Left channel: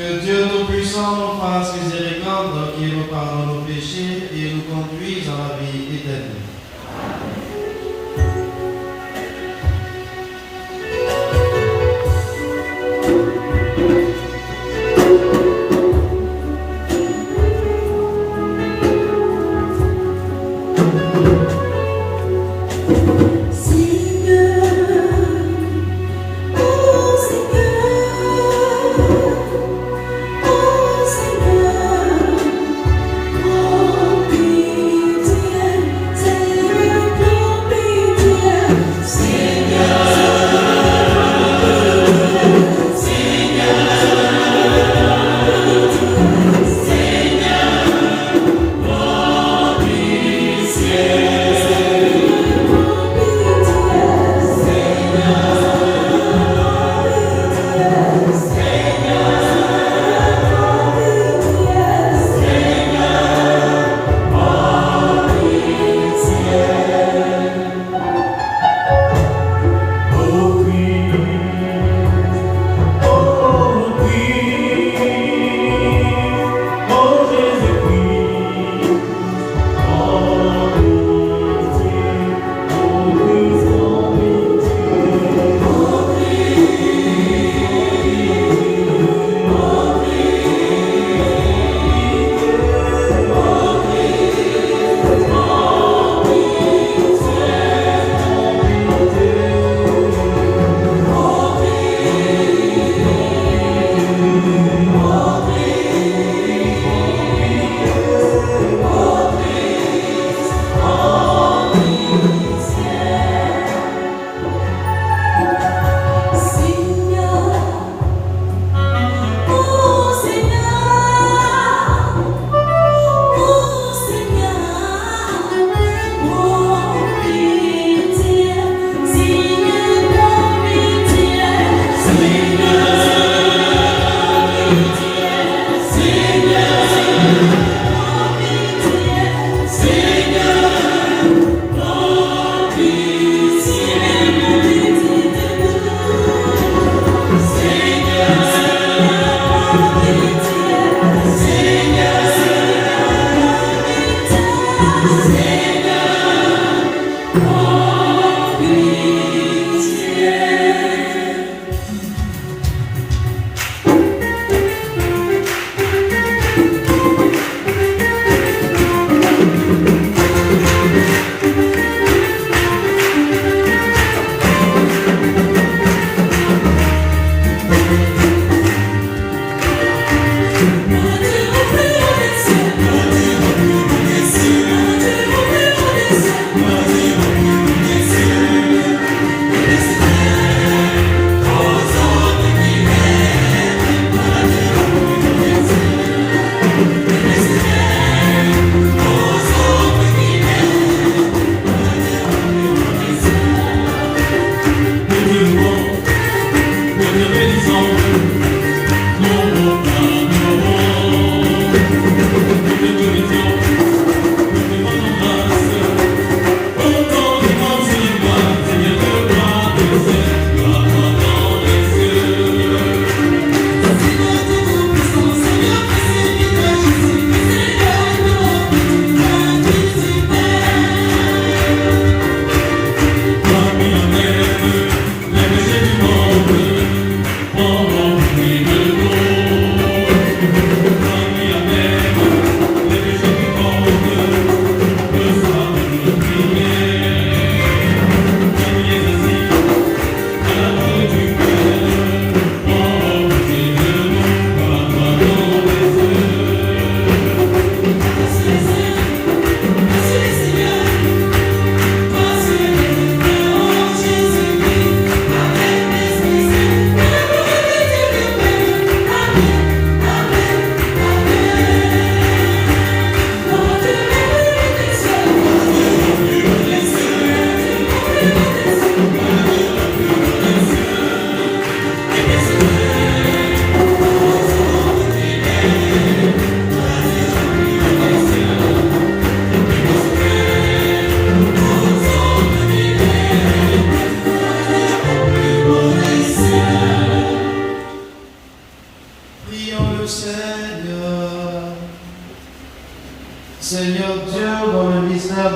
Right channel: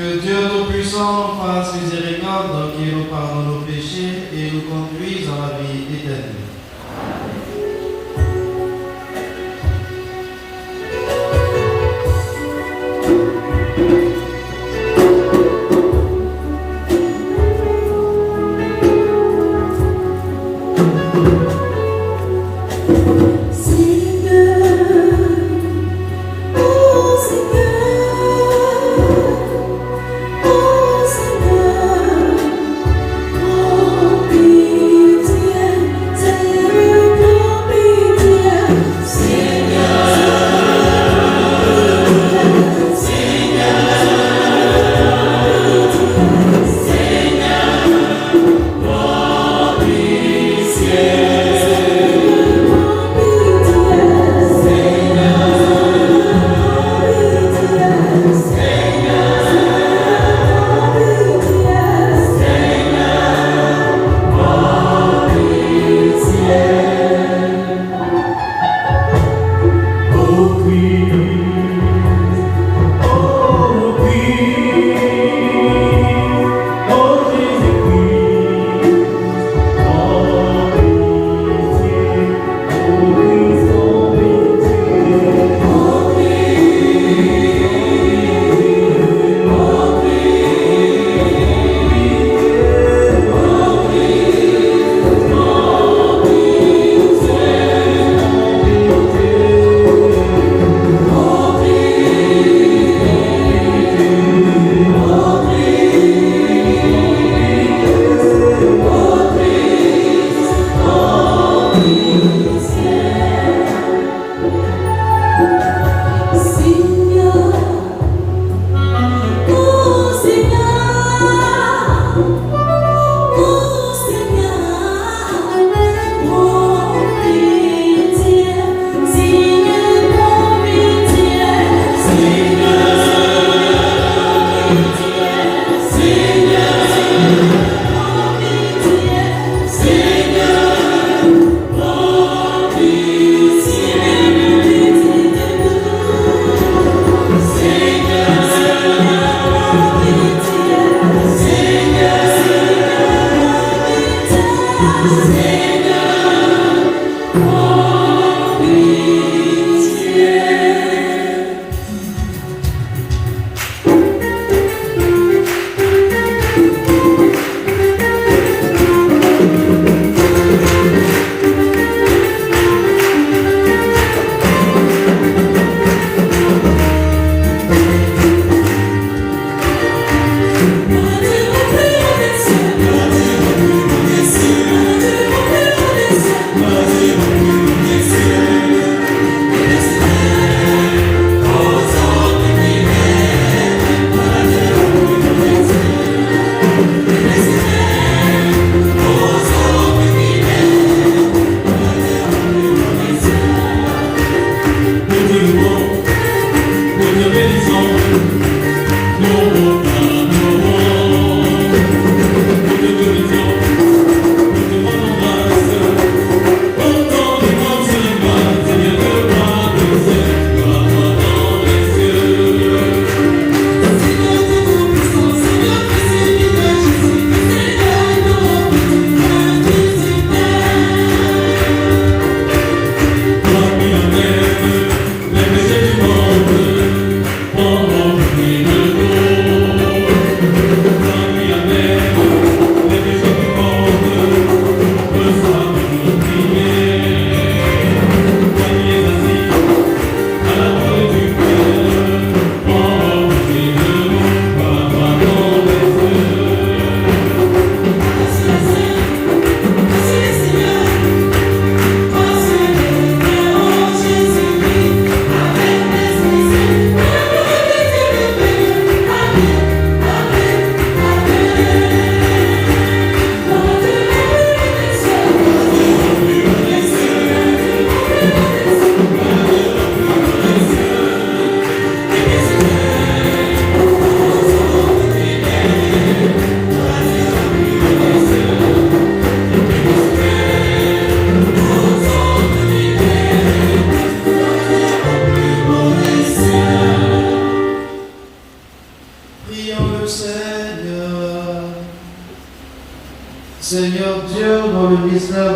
Que Dieu Tout-Puissant nous fasse miséricorde, qu'il nous pardonne nos péchés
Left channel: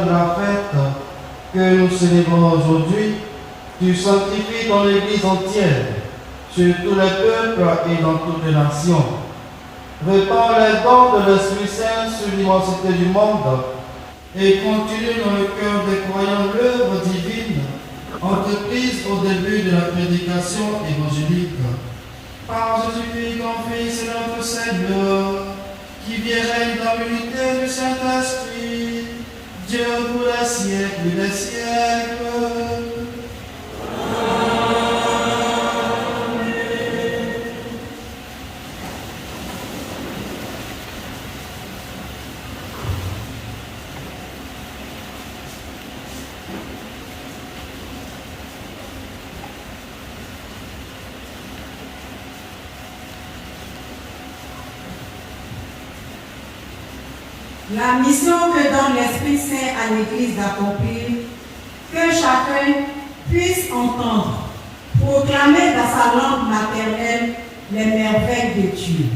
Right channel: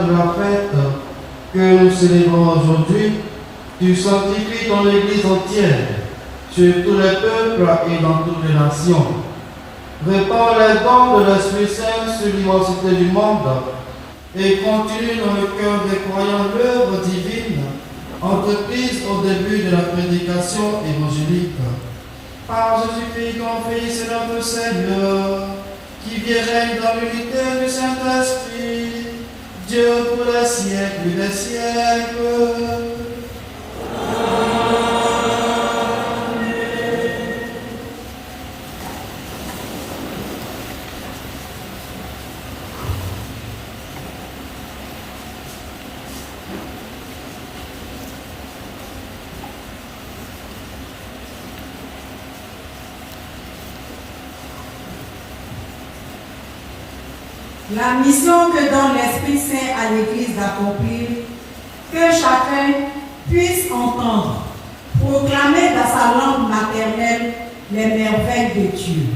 de la fête que nous célébrons aujourd'hui, tu sanctifies ton Église entière, sur tous les peuples et dans toutes les nations. Répands les dons de l'Esprit Saint sur l'immensité du monde et continue dans le cœur des croyants l'œuvre divine entreprise au début de la prédication évangélique. Par Jésus-Christ, ton Fils et notre Seigneur, qui vit et règne dans l'unité du Saint-Esprit, Dieu pour les siècles des siècles. La mission que donne l'Esprit Saint à l'Église d'accomplir, que chacun puisse entendre, proclamer dans sa langue maternelle les merveilles de Dieu.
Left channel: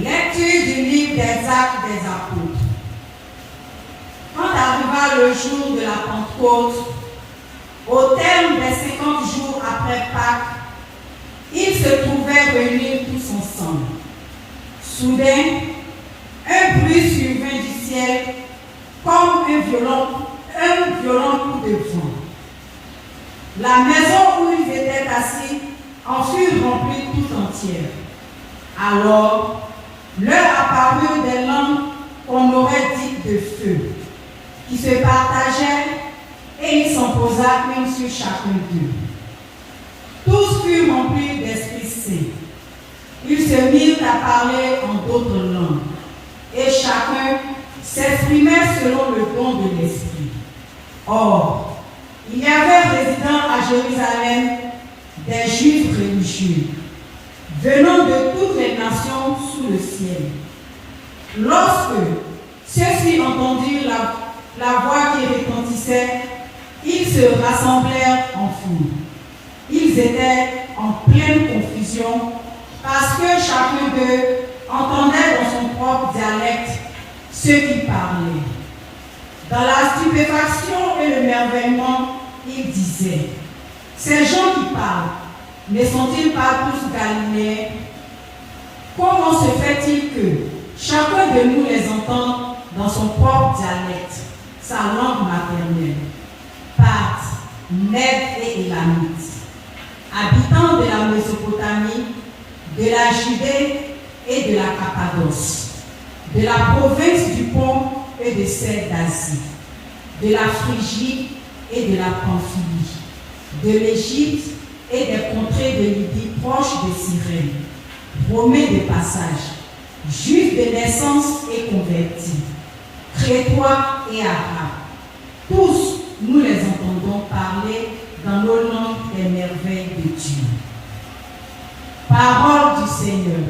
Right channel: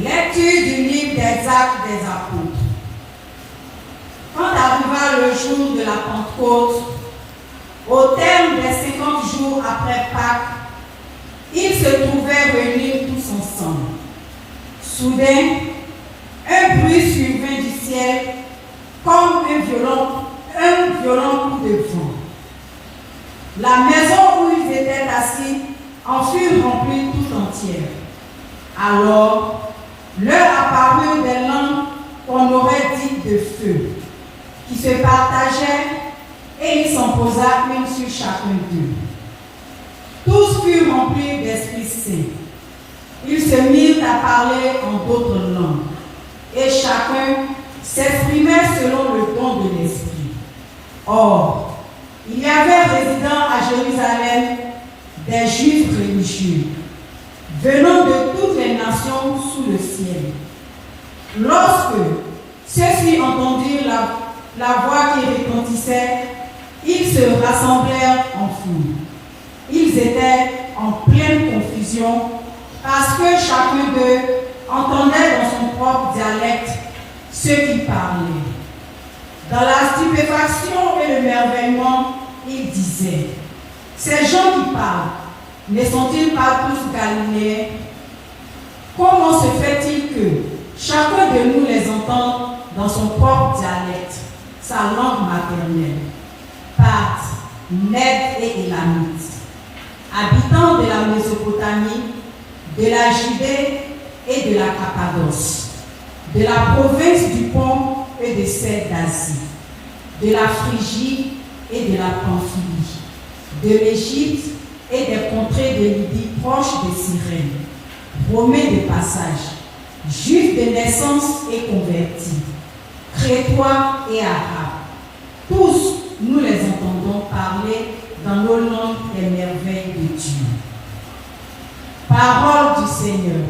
Lecture du livre des Actes des Apôtres. Quand arriva le jour de la Pentecôte, au terme des 50 jours après Pâques, ils se trouvaient réunis tous ensemble. Soudain, un bruit survint du ciel comme un violent coup de vent. La maison où ils étaient assis en fut remplie tout entière. Alors, leur apparurent des langues qu'on aurait dites de feu, qui se partageaient et il s'en posa une sur chacun d'eux. Tous furent remplis d'Esprit Saint. Ils se mirent à parler en d'autres langues, et chacun s'exprimait selon le don de l'Esprit. Or, il y avait résidant à Jérusalem des Juifs religieux, venant de toutes les nations sous le ciel. Lorsque ceux-ci entendirent la voix qui retentissait, ils se rassemblèrent en foule. Ils étaient en pleine confusion parce que chacun d'eux entendait dans son propre dialecte ce qu'il parlait. Dans la stupéfaction et le merveillement, ils disaient: ces gens qui parlent, ne sont-ils pas tous Galiléens? Comment se fait-il que chacun de nous les entende dans son propre dialecte, sa langue maternelle? Parthes, Mèdes et Élamites, habitants de la Mésopotamie, de la Judée et de la Cappadoce, de la province du Pont et de celle d'Asie, de la Phrygie et de la Pamphylie, de l'Égypte et des contrées de Lydie proches de Cyrène, Romains de passage, Juifs de naissance et convertis, Crétois et Arabes. Tous, nous les entendons parler dans nos langues les merveilles de Dieu. Parole du Seigneur.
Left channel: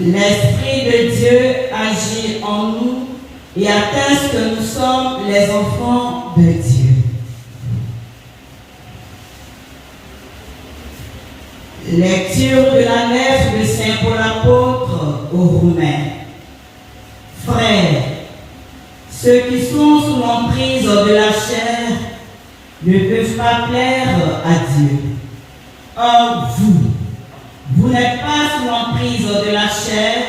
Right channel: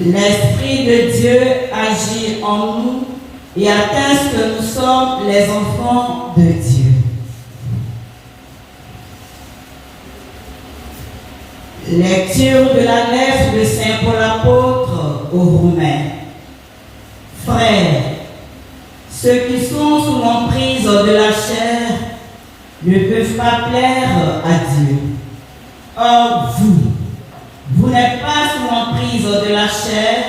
L'Esprit de Dieu agit en nous et atteste que nous sommes les enfants de Dieu. Lecture de la lettre de Saint Paul apôtre aux Romains. Frères, ceux qui sont sous l'emprise de la chair ne peuvent pas plaire à Dieu. Or, vous n'êtes pas sous l'emprise de la chair,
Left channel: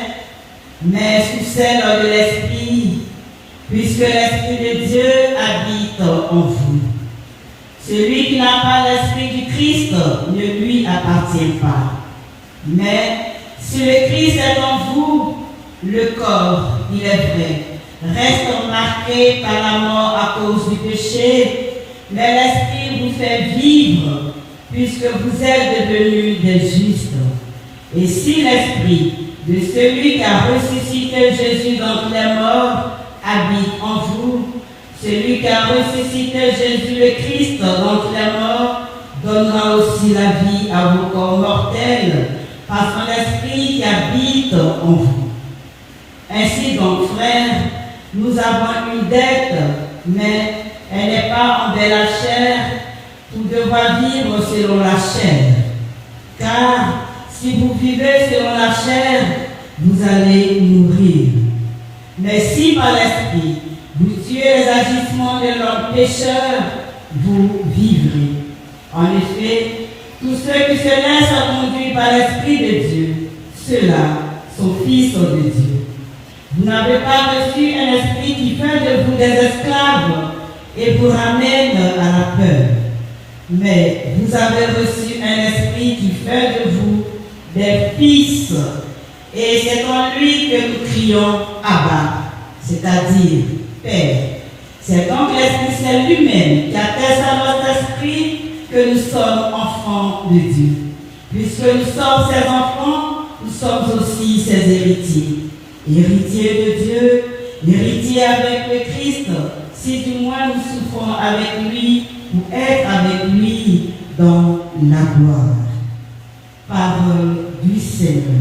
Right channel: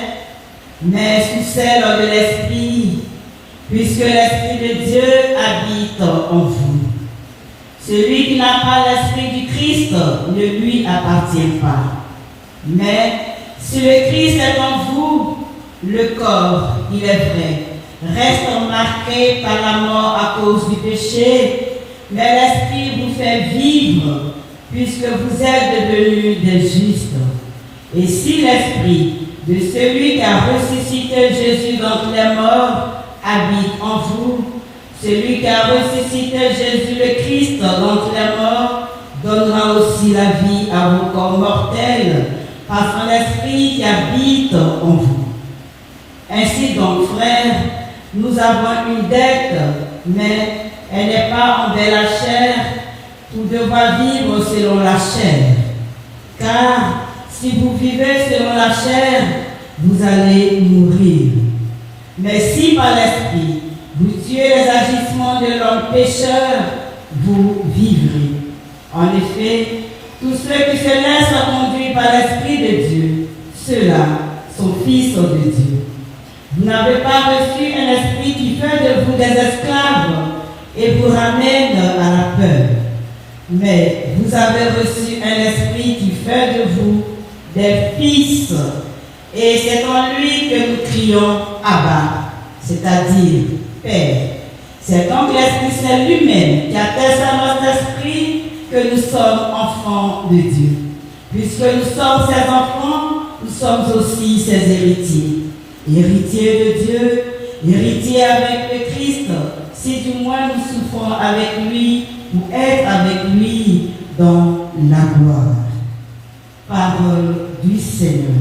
mais sous celle de l'Esprit, puisque l'Esprit de Dieu habite en vous. Celui qui n'a pas l'Esprit du Christ ne lui appartient pas. Mais si le Christ est en vous, le corps, il est vrai, reste marqué par la mort à cause du péché, mais l'Esprit vous fait vivre, puisque vous êtes devenus des justes. Et si l'Esprit de celui qui a ressuscité Jésus d'entre les morts habite en vous, celui qui a ressuscité Jésus le Christ d'entre les morts donnera aussi la vie à vos corps mortels par son Esprit qui habite en vous. Ainsi donc, frères, nous avons une dette, mais elle n'est pas envers la chair, pour devoir vivre selon la chair. Car si vous vivez selon la chair, vous allez mourir. Mais si par l'Esprit, vous tuez les agissements de l'homme pécheur, vous vivrez. En effet, tous ceux qui se laissent conduire par l'Esprit de Dieu, ceux-là sont fils de Dieu. Vous n'avez pas reçu un esprit qui fait de vous des esclaves et vous ramène à la peur. Mais vous avez reçu un esprit qui fait de vous des fils. Et c'est en lui que nous crions Abba, c'est-à-dire Père. C'est donc l'Esprit Saint lui-même qui atteste à notre esprit que nous sommes enfants de Dieu. Puisque nous sommes ses enfants, nous sommes aussi ses héritiers. Héritiers de Dieu, héritiers avec le Christ, si du moins nous souffrons avec lui pour être avec lui dans la gloire. Parole du Seigneur.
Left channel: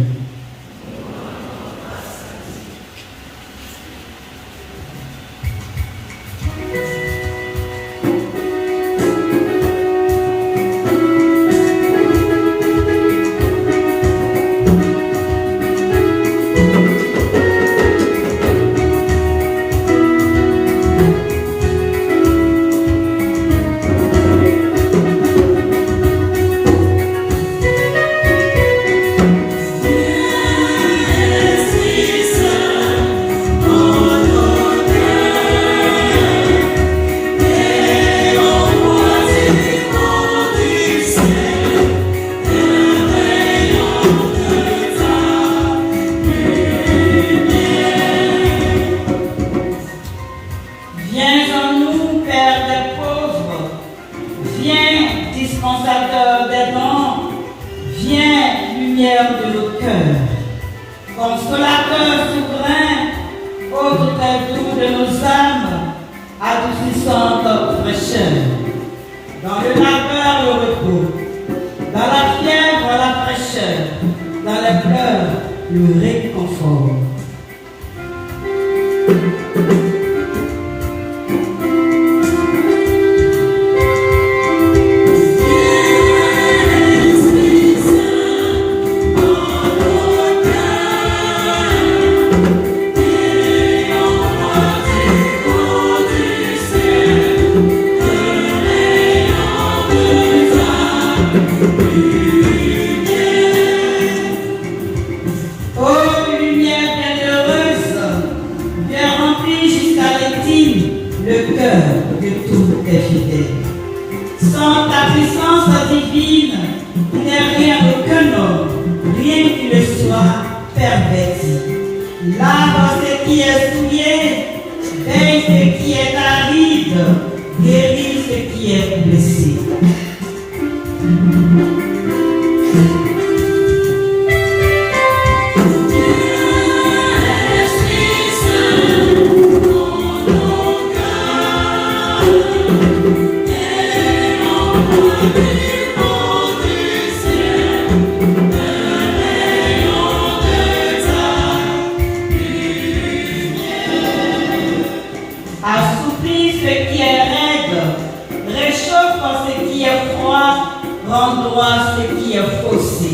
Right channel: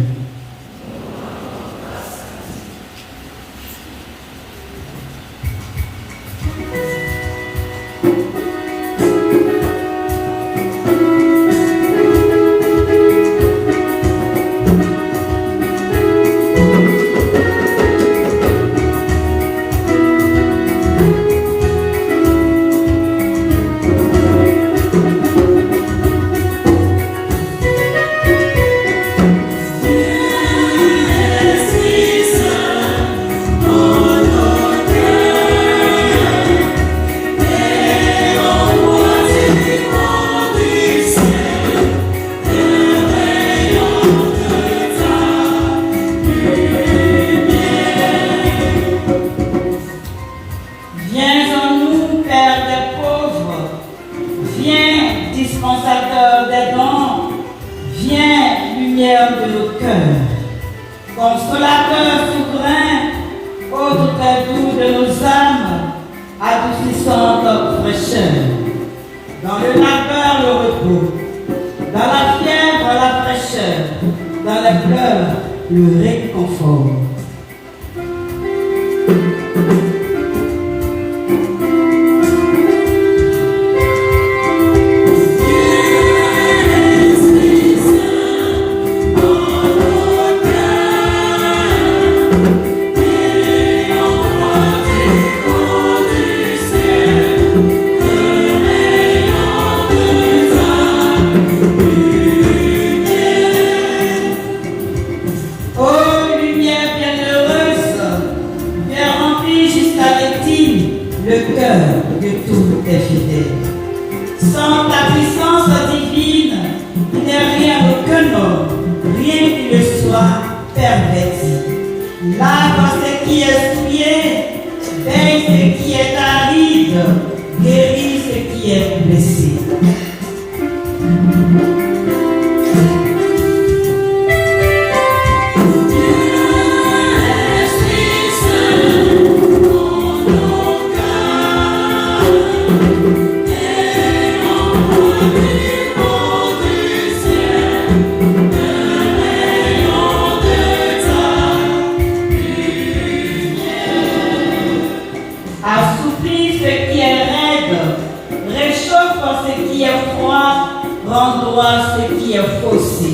rends droit ce qui est faussé.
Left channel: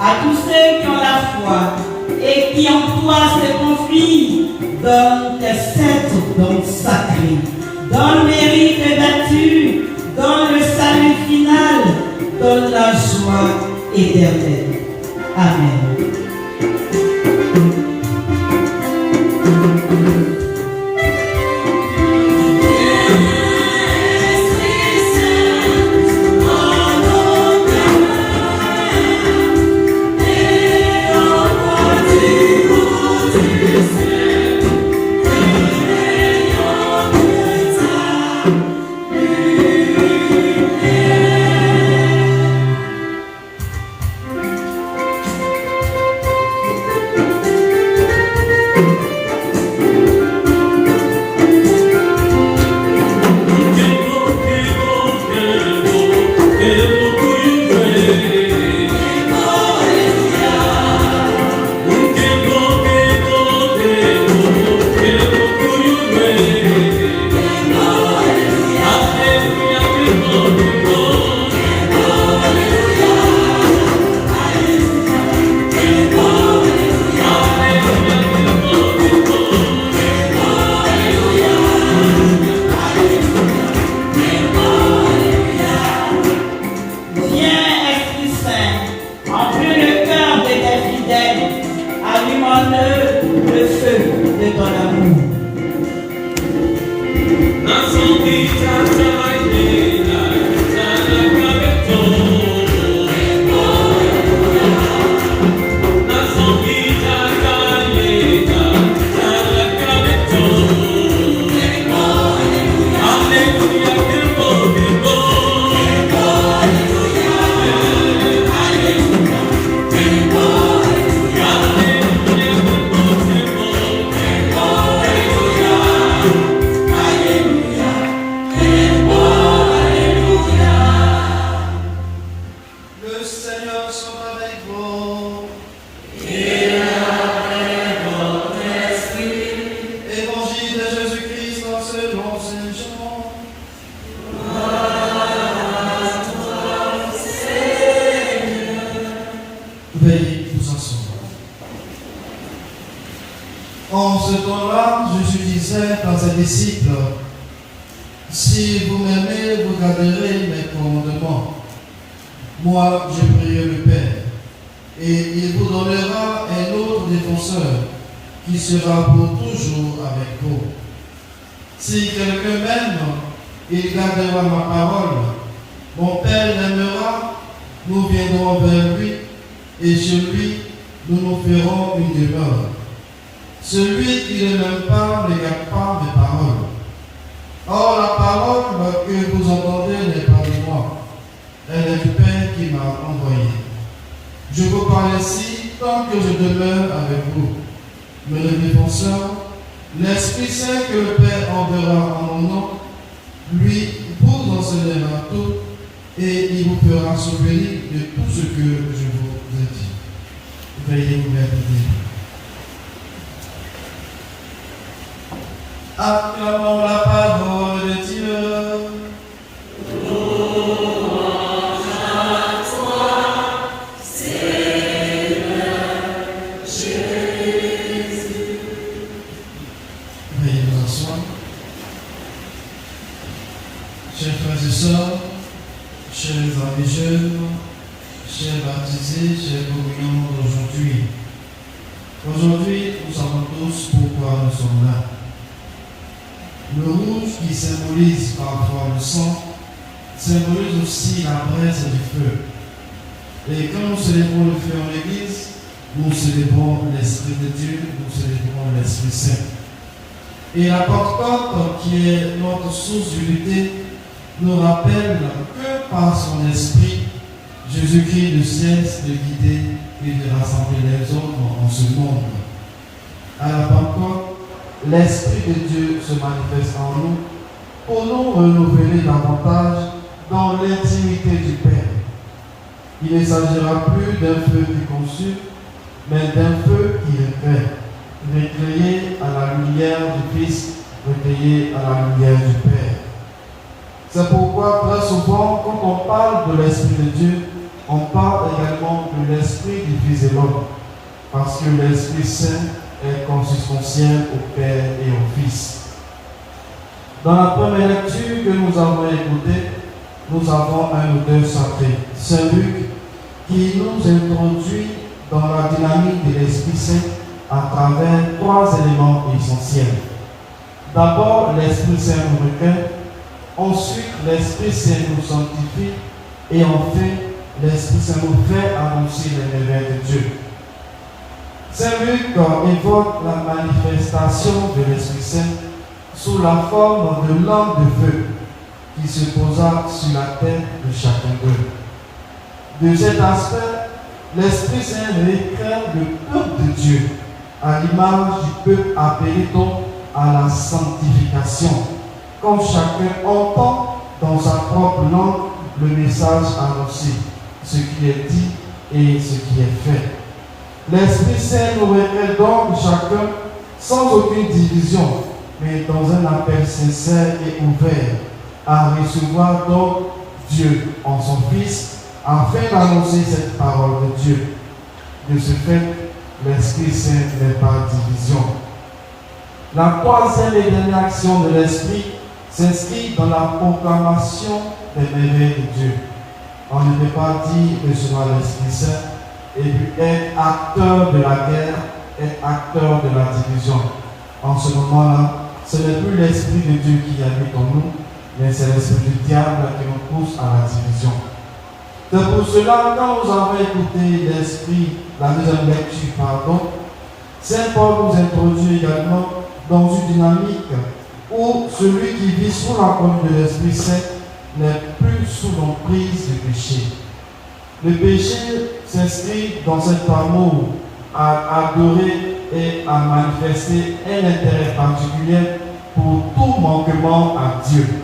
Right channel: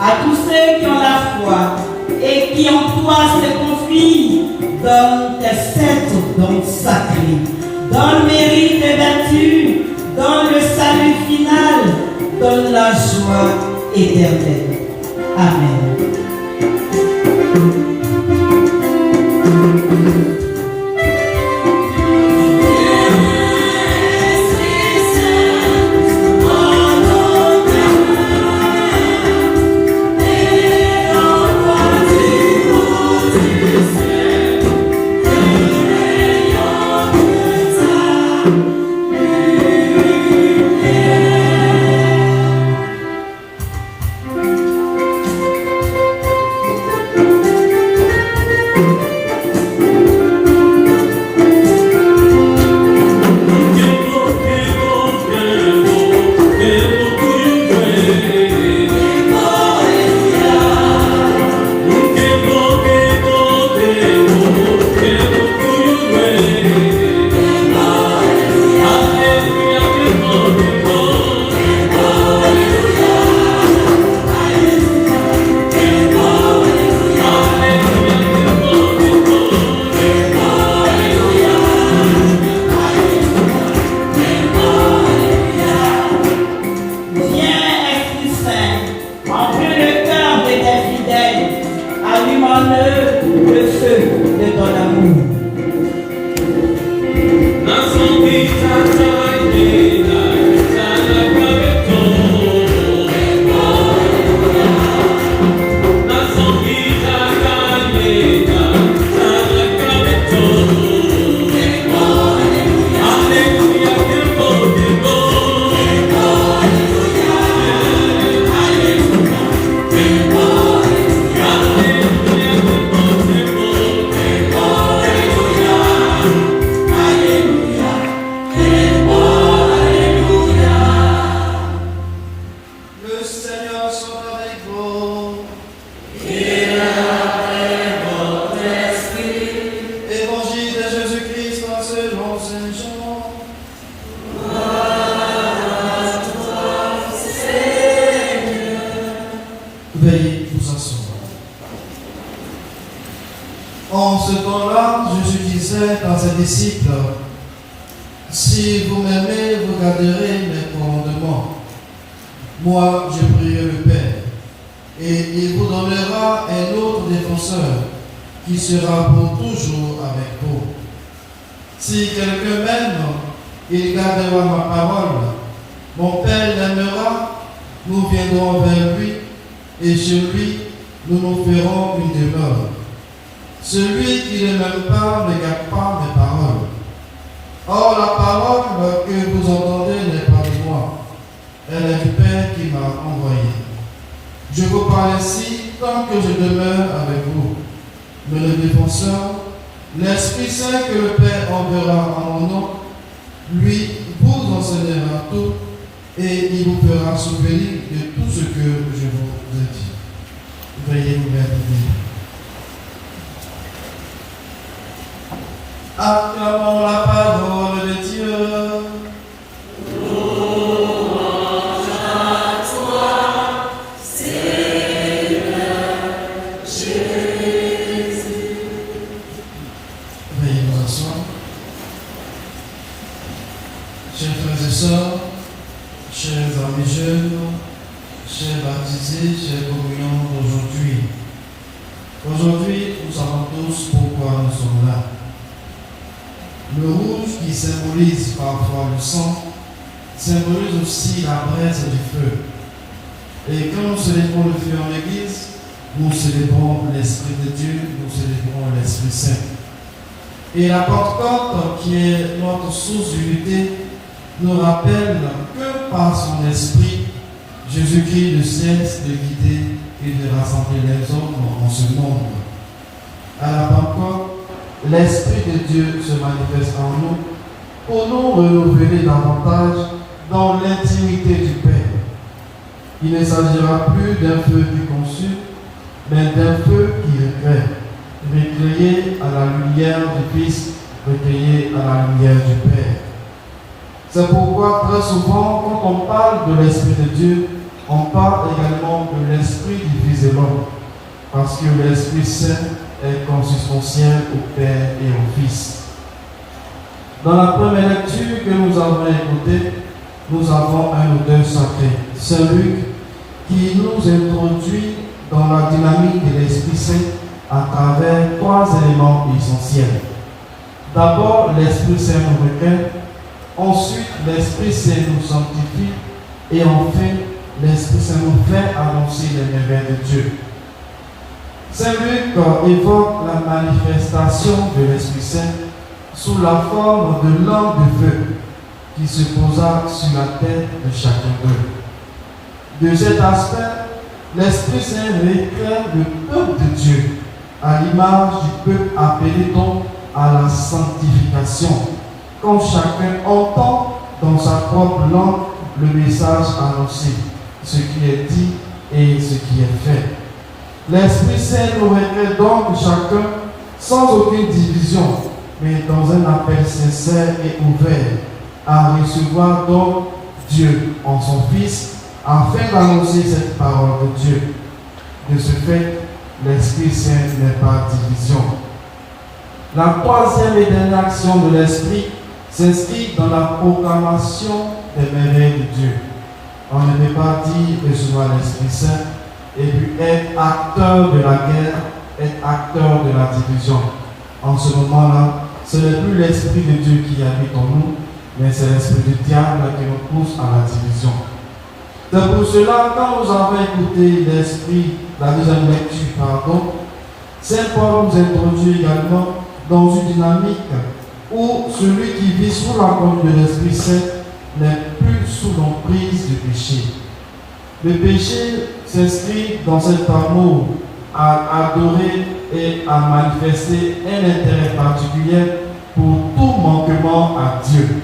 À tous ceux qui ont la foi et qui en toi se confient, donne tes 7 dons sacrés. Donne mérite et vertu, donne le salut final, donne la joie éternelle. Amen. En ce temps-là, Jésus disait à ses disciples, « Si vous m'aimez, vous garderez mes commandements. Moi, je prierai le Père, et il vous donnera un autre défenseur, qui sera pour toujours avec vous. Si quelqu'un m'aime, il gardera ma parole. Mon Père l'aimera, nous viendrons vers lui, et chez lui, nous nous ferons une demeure. Celui qui ne m'aime pas ne garde pas mes paroles. Or, la parole que vous entendez n'est pas de moi. Elle est du Père qui m'a envoyé. Je vous parle ainsi tant que je demeure avec vous. Mais le défenseur, l'Esprit Saint que le Père enverra en mon nom, lui vous enseignera tout et il vous fera souvenir de tout ce que je vous ai dit. Veuillez vous mettre debout. Acclamons la parole de Dieu. Louange à toi, Seigneur Jésus. Veuillez vous asseoir. Chers frères et sœurs, chers amis jeunes, chers baptisés, chers communiants d'aujourd'hui. Aujourd'hui, nous savons tous pourquoi nous sommes là. Le rouge qui symbolise parfois le sang, symbolise aussi la braise du feu. Et quand nous célébrons le feu en l'église, nous célébrons l'Esprit de Dieu, nous célébrons l'Esprit Saint. Et la Pentecôte, qui est notre source d'unité, nous rappelle que par son Esprit, Jésus-Christ ne cesse de guider et de rassembler les hommes en ce monde. À la Pentecôte, l'Esprit de Dieu se manifeste en nous pour nous renouveler davantage dans l'intimité du Père. Il ne s'agira plus d'un feu qui consume, mais d'un feu qui éclaire, recueilli à la lumière du Christ, recueilli à la lumière du Père. C'est pourquoi très souvent, quand on parle de l'Esprit de Dieu, on parle également de l'Esprit du Fils de l'homme. Parce que l'Esprit Saint est consubstantiel au Père et au Fils. Dans la première lecture que nous avons écoutée, nous avons un auteur sacré, Saint Luc, qui nous introduit dans la dynamique de l'Esprit Saint à travers 3 éléments essentiels. D'abord, l'Esprit Saint nous recueille, ensuite, l'Esprit Saint nous sanctifie, et enfin, l'Esprit Saint nous fait annoncer les merveilles de Dieu. Saint Luc évoque la manifestation de l'Esprit Saint sous la forme de lampe de feu qui se posa sur la tête de chacun d'eux. De cet aspect, l'Esprit Saint éclaire le peuple de Dieu à l'image du peuple appelé donc à la sanctification, quand chacun entend dans sa propre langue le message annoncé, ce qui est dit et ce qui est fait. L'Esprit Saint nous recueille donc chacun sans aucune division, mais dans un appel sincère et ouvert à recevoir donc Dieu en son Fils afin d'annoncer cette parole de Dieu. De ce fait, l'Esprit Saint n'est pas division. La 3e et dernière action de l'Esprit s'inscrit dans la proclamation des merveilles de Dieu. On ne peut pas dire recevoir l'Esprit Saint et puis être acteur de la guerre, être acteur de la division. En ce moment-là, ce n'est plus l'Esprit de Dieu qui habite en nous, mais c'est l'Esprit du diable qui nous pousse à la division. C'est pour cela, quand nous avons écouté l'Esprit, la deuxième lecture, Saint Paul nous introduit également dans une dynamique où celui qui vit sous la conduite de l'Esprit Saint n'est plus sous l'emprise du péché. Le péché s'inscrit dans cet amour à adorer et à manifester un intérêt particulier pour tout manquement à Dieu.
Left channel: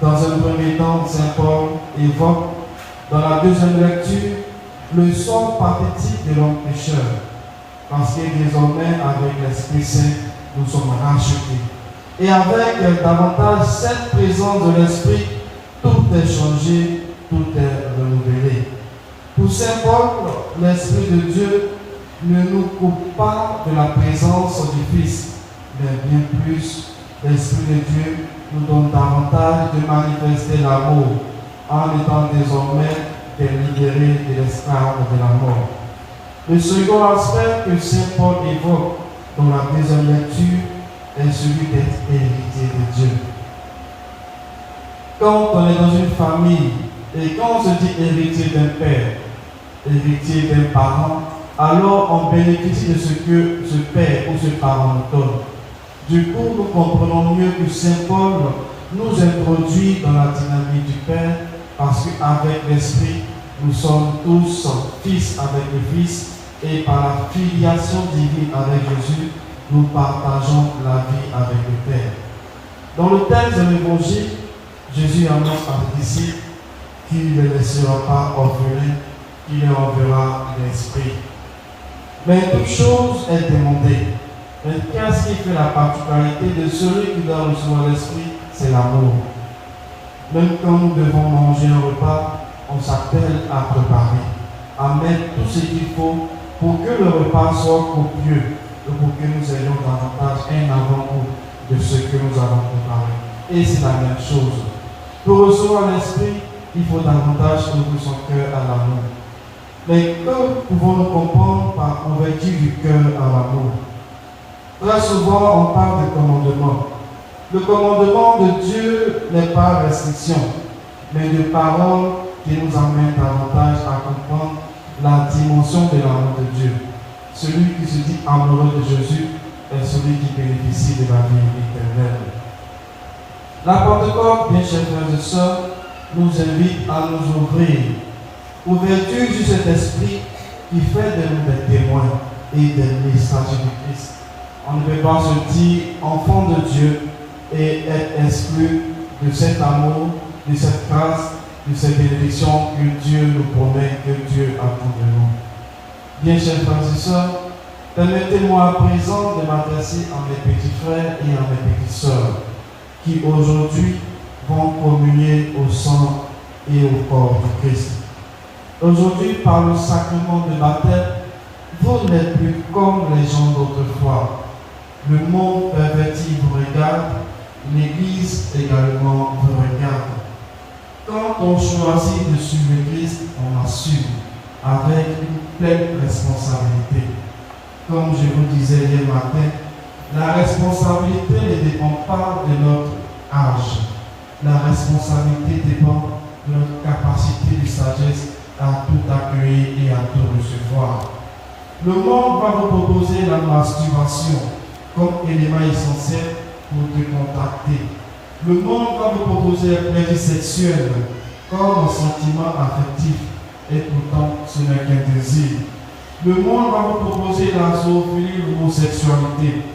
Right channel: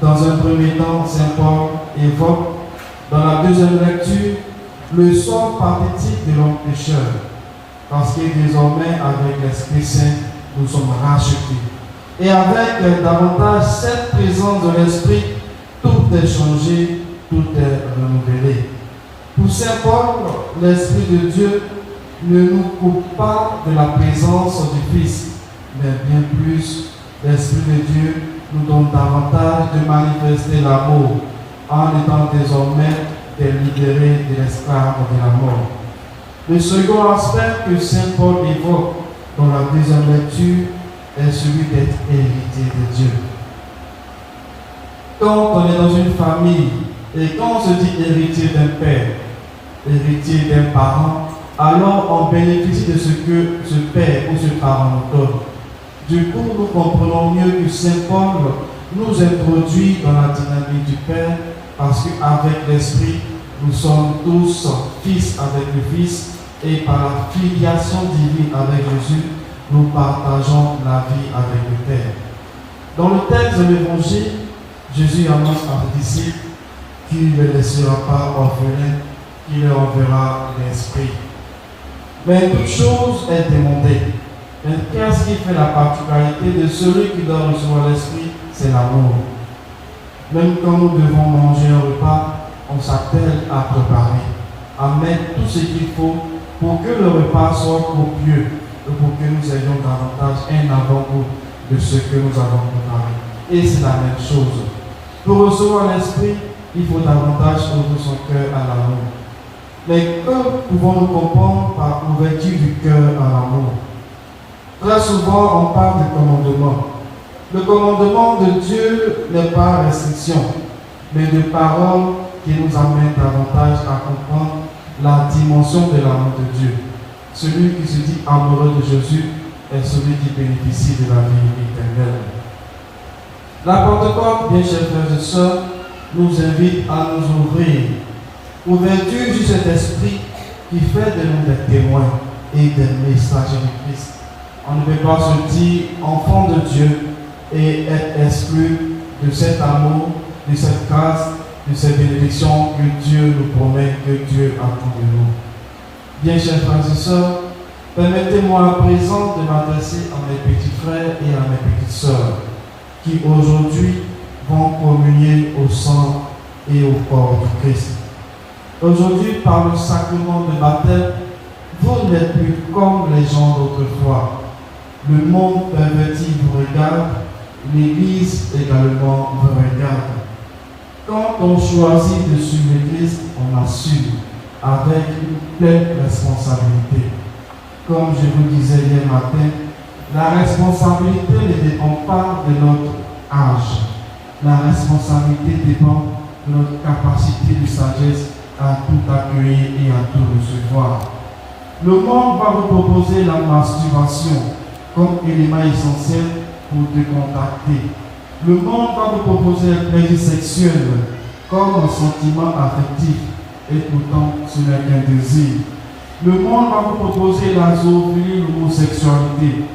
Dans un premier temps, Saint Paul évoque dans la deuxième lecture le sort pathétique de l'homme pécheur, parce que désormais, avec l'Esprit Saint, nous sommes rachetés. Et avec davantage cette présence de l'Esprit, tout est changé, tout est renouvelé. Pour Saint Paul, l'Esprit de Dieu ne nous coupe pas de la présence du Fils, mais bien plus, l'Esprit de Dieu nous donne davantage de manifester l'amour, en étant désormais des libérés de l'esclave de la mort. Le second aspect que Saint Paul évoque dans la deuxième lecture est celui d'être héritier de Dieu. Quand on est dans une famille et quand on se dit héritier d'un père, héritier d'un parent, alors on bénéficie de ce que ce père ou ce parent nous donne. Du coup, nous comprenons mieux que Saint Paul nous introduit dans la dynamique du Père, parce qu'avec l'Esprit, nous sommes tous fils avec le Fils, et par la filiation divine avec Jésus, nous partageons la vie avec le Père. Dans le texte de l'Évangile, Jésus annonce à ses disciples qu'il ne laissera pas orphelins, qu'il leur enverra l'Esprit. Mais toute chose est demandée. Mais qu'est-ce qui fait la particularité de celui qui doit recevoir l'Esprit? C'est l'amour. Même quand nous devons manger un repas, on s'appelle à préparer, à mettre tout ce qu'il faut pour que le repas soit copieux et pour que nous ayons davantage un avant-goût de ce que nous avons préparé. Et c'est la même chose. Pour recevoir l'Esprit, il faut davantage ouvrir son cœur à l'amour. Mais que pouvons-nous comprendre par ouverture du cœur à l'amour? Très souvent, on parle de commandement. Le commandement de Dieu n'est pas restriction, mais de paroles qui nous amènent davantage à comprendre la dimension de l'amour de Dieu. Celui qui se dit amoureux de Jésus est celui qui bénéficie de la vie éternelle. La Pentecôte, bien chers frères et sœurs, nous invite à nous ouvrir. Ouverture sur cet esprit qui fait de nous des témoins et des messagers de Christ. On ne peut pas se dire enfant de Dieu et être exclu de cet amour, de cette grâce, de cette bénédiction que Dieu nous promet, que Dieu attend de nous. Bien chers frères et sœurs, permettez-moi à présent de m'adresser à mes petits frères et à mes petites sœurs qui aujourd'hui vont communier au sang et au corps du Christ. Aujourd'hui, par le sacrement de baptême, vous n'êtes plus comme les gens d'autrefois. Le monde perverti vous regarde, l'Église également vous regarde. Quand on choisit de suivre l'Église, on assume avec une pleine responsabilité. Comme je vous disais hier matin, la responsabilité ne dépend pas de notre âge. La responsabilité dépend de notre capacité de sagesse à tout accueillir et à tout recevoir. Le monde va vous proposer la masturbation comme élément essentiel pour te contacter. Le monde va vous proposer le plaisir sexuel comme un sentiment affectif et pourtant ce n'est qu'un désir. Le monde va vous proposer la zoophilie, l'homosexualité.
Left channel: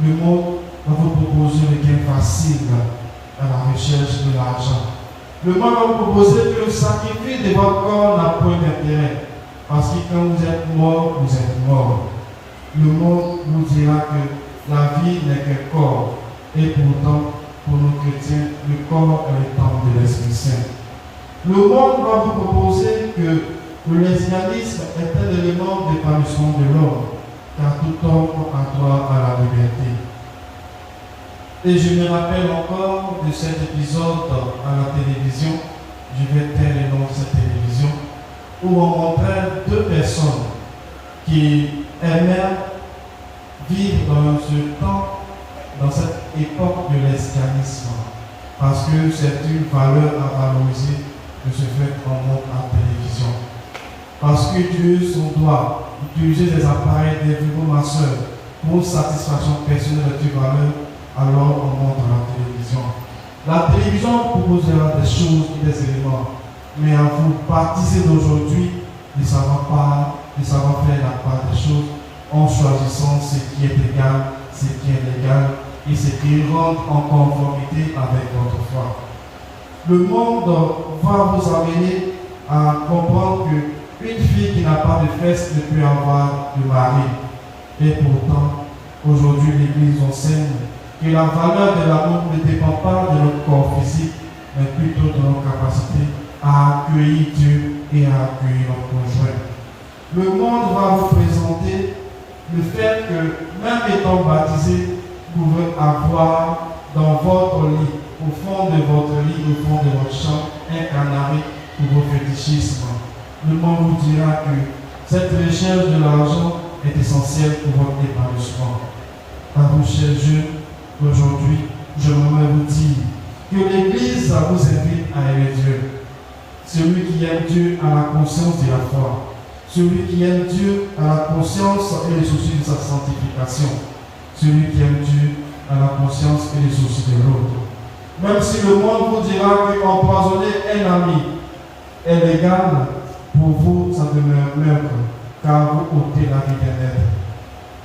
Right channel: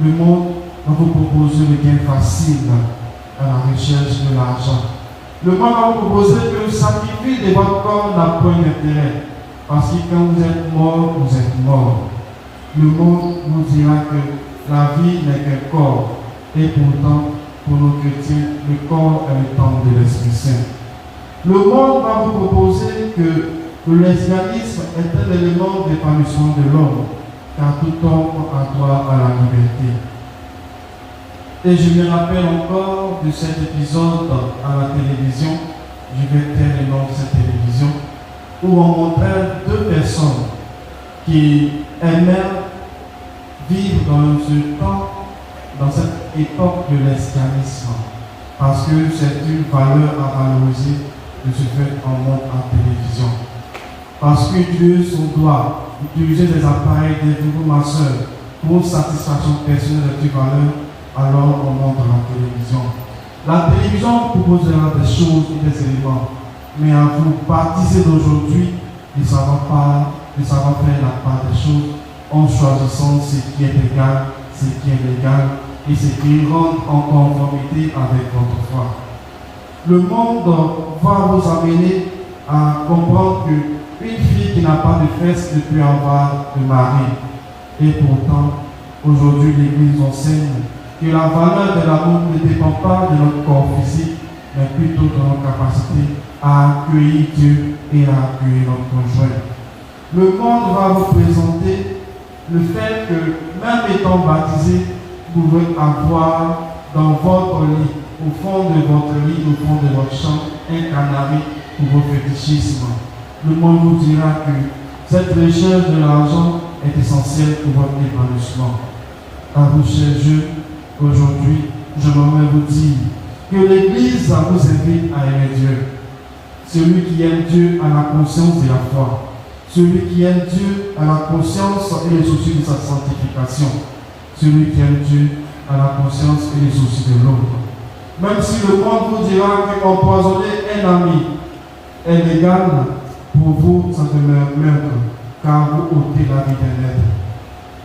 Le monde va vous proposer le gain facile à la recherche de l'argent. Le monde va vous proposer que le sacrifice de votre corps n'a point d'intérêt. Parce que quand vous êtes mort, vous êtes mort. Le monde vous dira que la vie n'est qu'un corps. Et pourtant, pour nos chrétiens, le corps est le temple de l'Esprit Saint. Le monde va vous proposer que le lesbianisme est un élément d'épanouissement de l'homme, car tout homme a droit à la liberté. Et je me rappelle encore de cet épisode à la télévision, je vais taire le nom de cette télévision, où on montrait deux personnes qui aimèrent vivre dans cette époque de l'esclavisme, parce que c'est une valeur à valoriser de se faire en monde en télévision. Parce que Dieu, son doigt, utiliser des appareils, des vibromasseurs pour une satisfaction personnelle de valeur, alors on monte à la télévision. La télévision proposera des choses ou des éléments, mais à vous, baptisés d'aujourd'hui, ne savons faire la part des choses en choisissant ce qui est égal, ce qui est légal et ce qui rentre en conformité avec votre foi. Le monde va vous amener à comprendre qu'une fille qui n'a pas de fesses ne peut avoir de mari. Et pourtant, aujourd'hui, l'Église enseigne que la valeur de l'amour ne dépend pas de notre corps physique, mais plutôt de notre capacité à accueillir Dieu et à accueillir notre conjoint. Le monde va vous présenter le fait que, même étant baptisé, vous pouvez avoir dans votre lit, au fond de votre lit, au fond de votre chambre, un canari pour vos fétichismes. Le monde vous dira que cette recherche de l'argent est essentielle pour votre épanouissement. À vous, chers jeunes, aujourd'hui, je m'aimerais vous dire que l'Église vous invite à aimer Dieu. Celui qui aime Dieu a la conscience de la foi. Celui qui aime Dieu a la conscience et les soucis de sa sanctification. Celui qui aime Dieu a la conscience et les soucis de l'autre. Même si le monde vous dira qu'empoisonner un ami est légal, pour vous, ça demeure meurtre, car vous ôtez la vie d'un être.